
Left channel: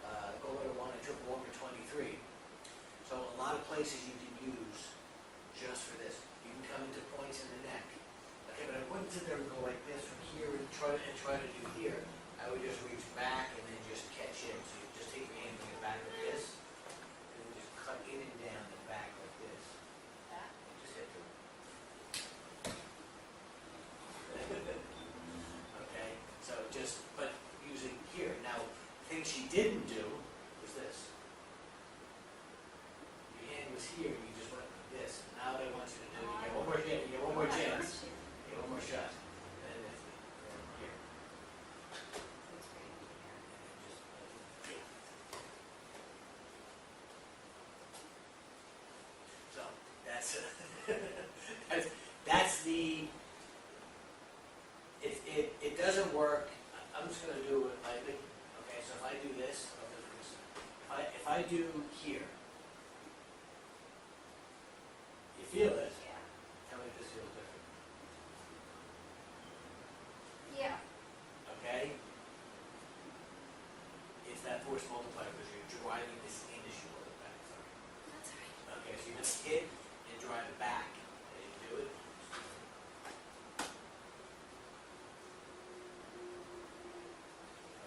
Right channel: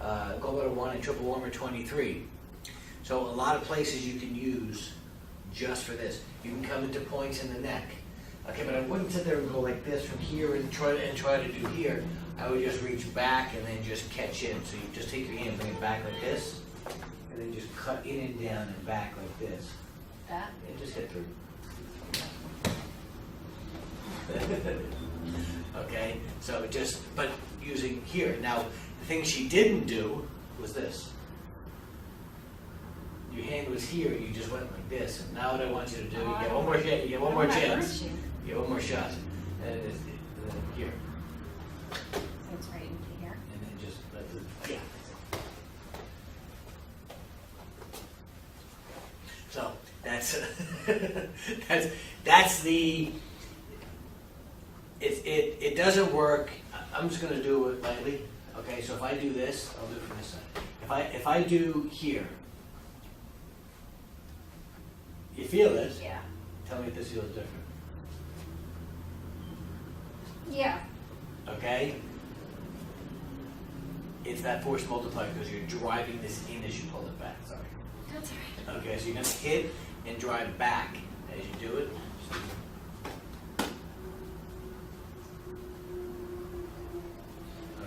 and triple wormer 23. So a lot of places you can use just for this. You can come into points in the neck. Okay, but I wouldn't sit there and go like this from here and try to do here. I would just reach back and then just catch in. So you just take your hand, bring it back like this, and then just cut in and down and back like this. That? And just hit through. Okay, so but using here. Now, the thing she didn't do was this. Your hand was here, and you just went like this. And now what I want you to do, you get one more chance. You get one more chance. You get one more shot. And then here. So it's right into here. And then just let the, yeah. So that's the. It doesn't work. I'm just going to do it lightly. Okay, so if I do this, I'll do it from this side. If I do here, you feel this? Yeah. Tell me if this feels different. Yeah. Okay? It's that force multiplier because you're driving this in as you pull it back. Sorry. That's all right. Okay, so you're going to hit and drive back as you do it.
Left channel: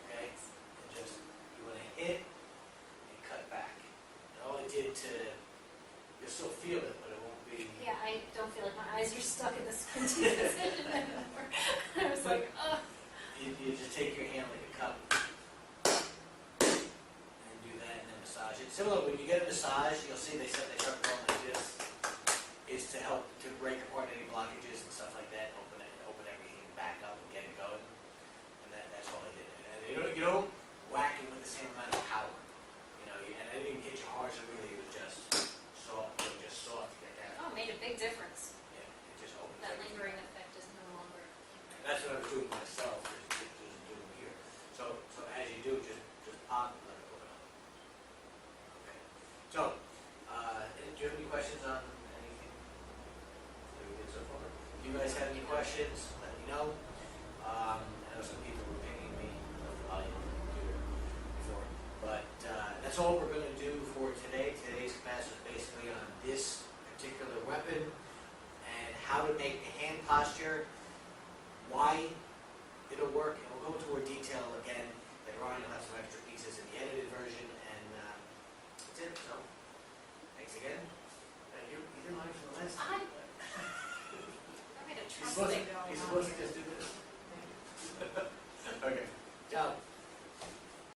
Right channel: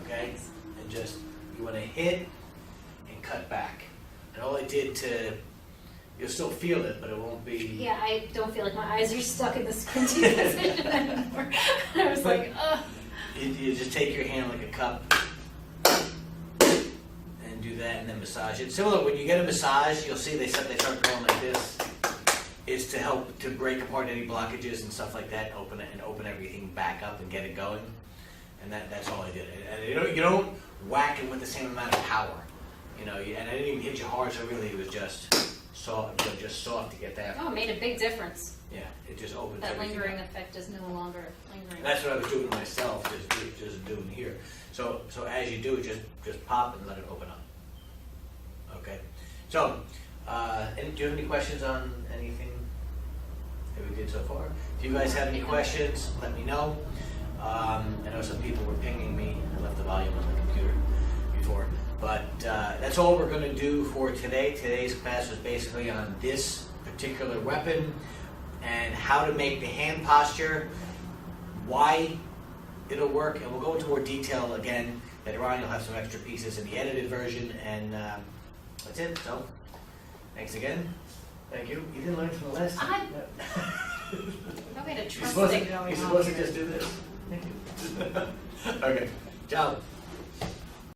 Okay? And just, you want to hit and you'll still feel it, but it won't be. Yeah, I don't feel like my eyes are stuck in the squinty position anymore. I was like, ugh. You just take your hand like a cup and do that, and then massage it. Similar, when you get a massage, you'll see they start going like this. Is to help to break apart any blockages and stuff like that, open it and open everything back up and get it going. And that's all I did. And you don't whack it with the same amount of power, and I didn't even hit you hard, so really it was just soft, to get that. Oh, it made a big difference. Yeah, it just opens That everything lingering up. effect is no longer lingering. And that's what I was doing myself, just doing here. So as you do, just pop and let it open up. Okay. So, do you have any questions on anything that we did so far? If you guys have any questions, let me know. I know some people were pinging me. I left the volume on the computer before. But that's all we're going to do for today. Today's class was basically on this particular weapon and how to make the hand posture, why it'll work, and we'll go into more detail again. Later on, you'll have some extra pieces in the edited version, and that's it. So, thanks again. Thank you. You didn't learn from the last time. Probably had a You're trust supposed thing going on to here. just do this. Okay. Ciao.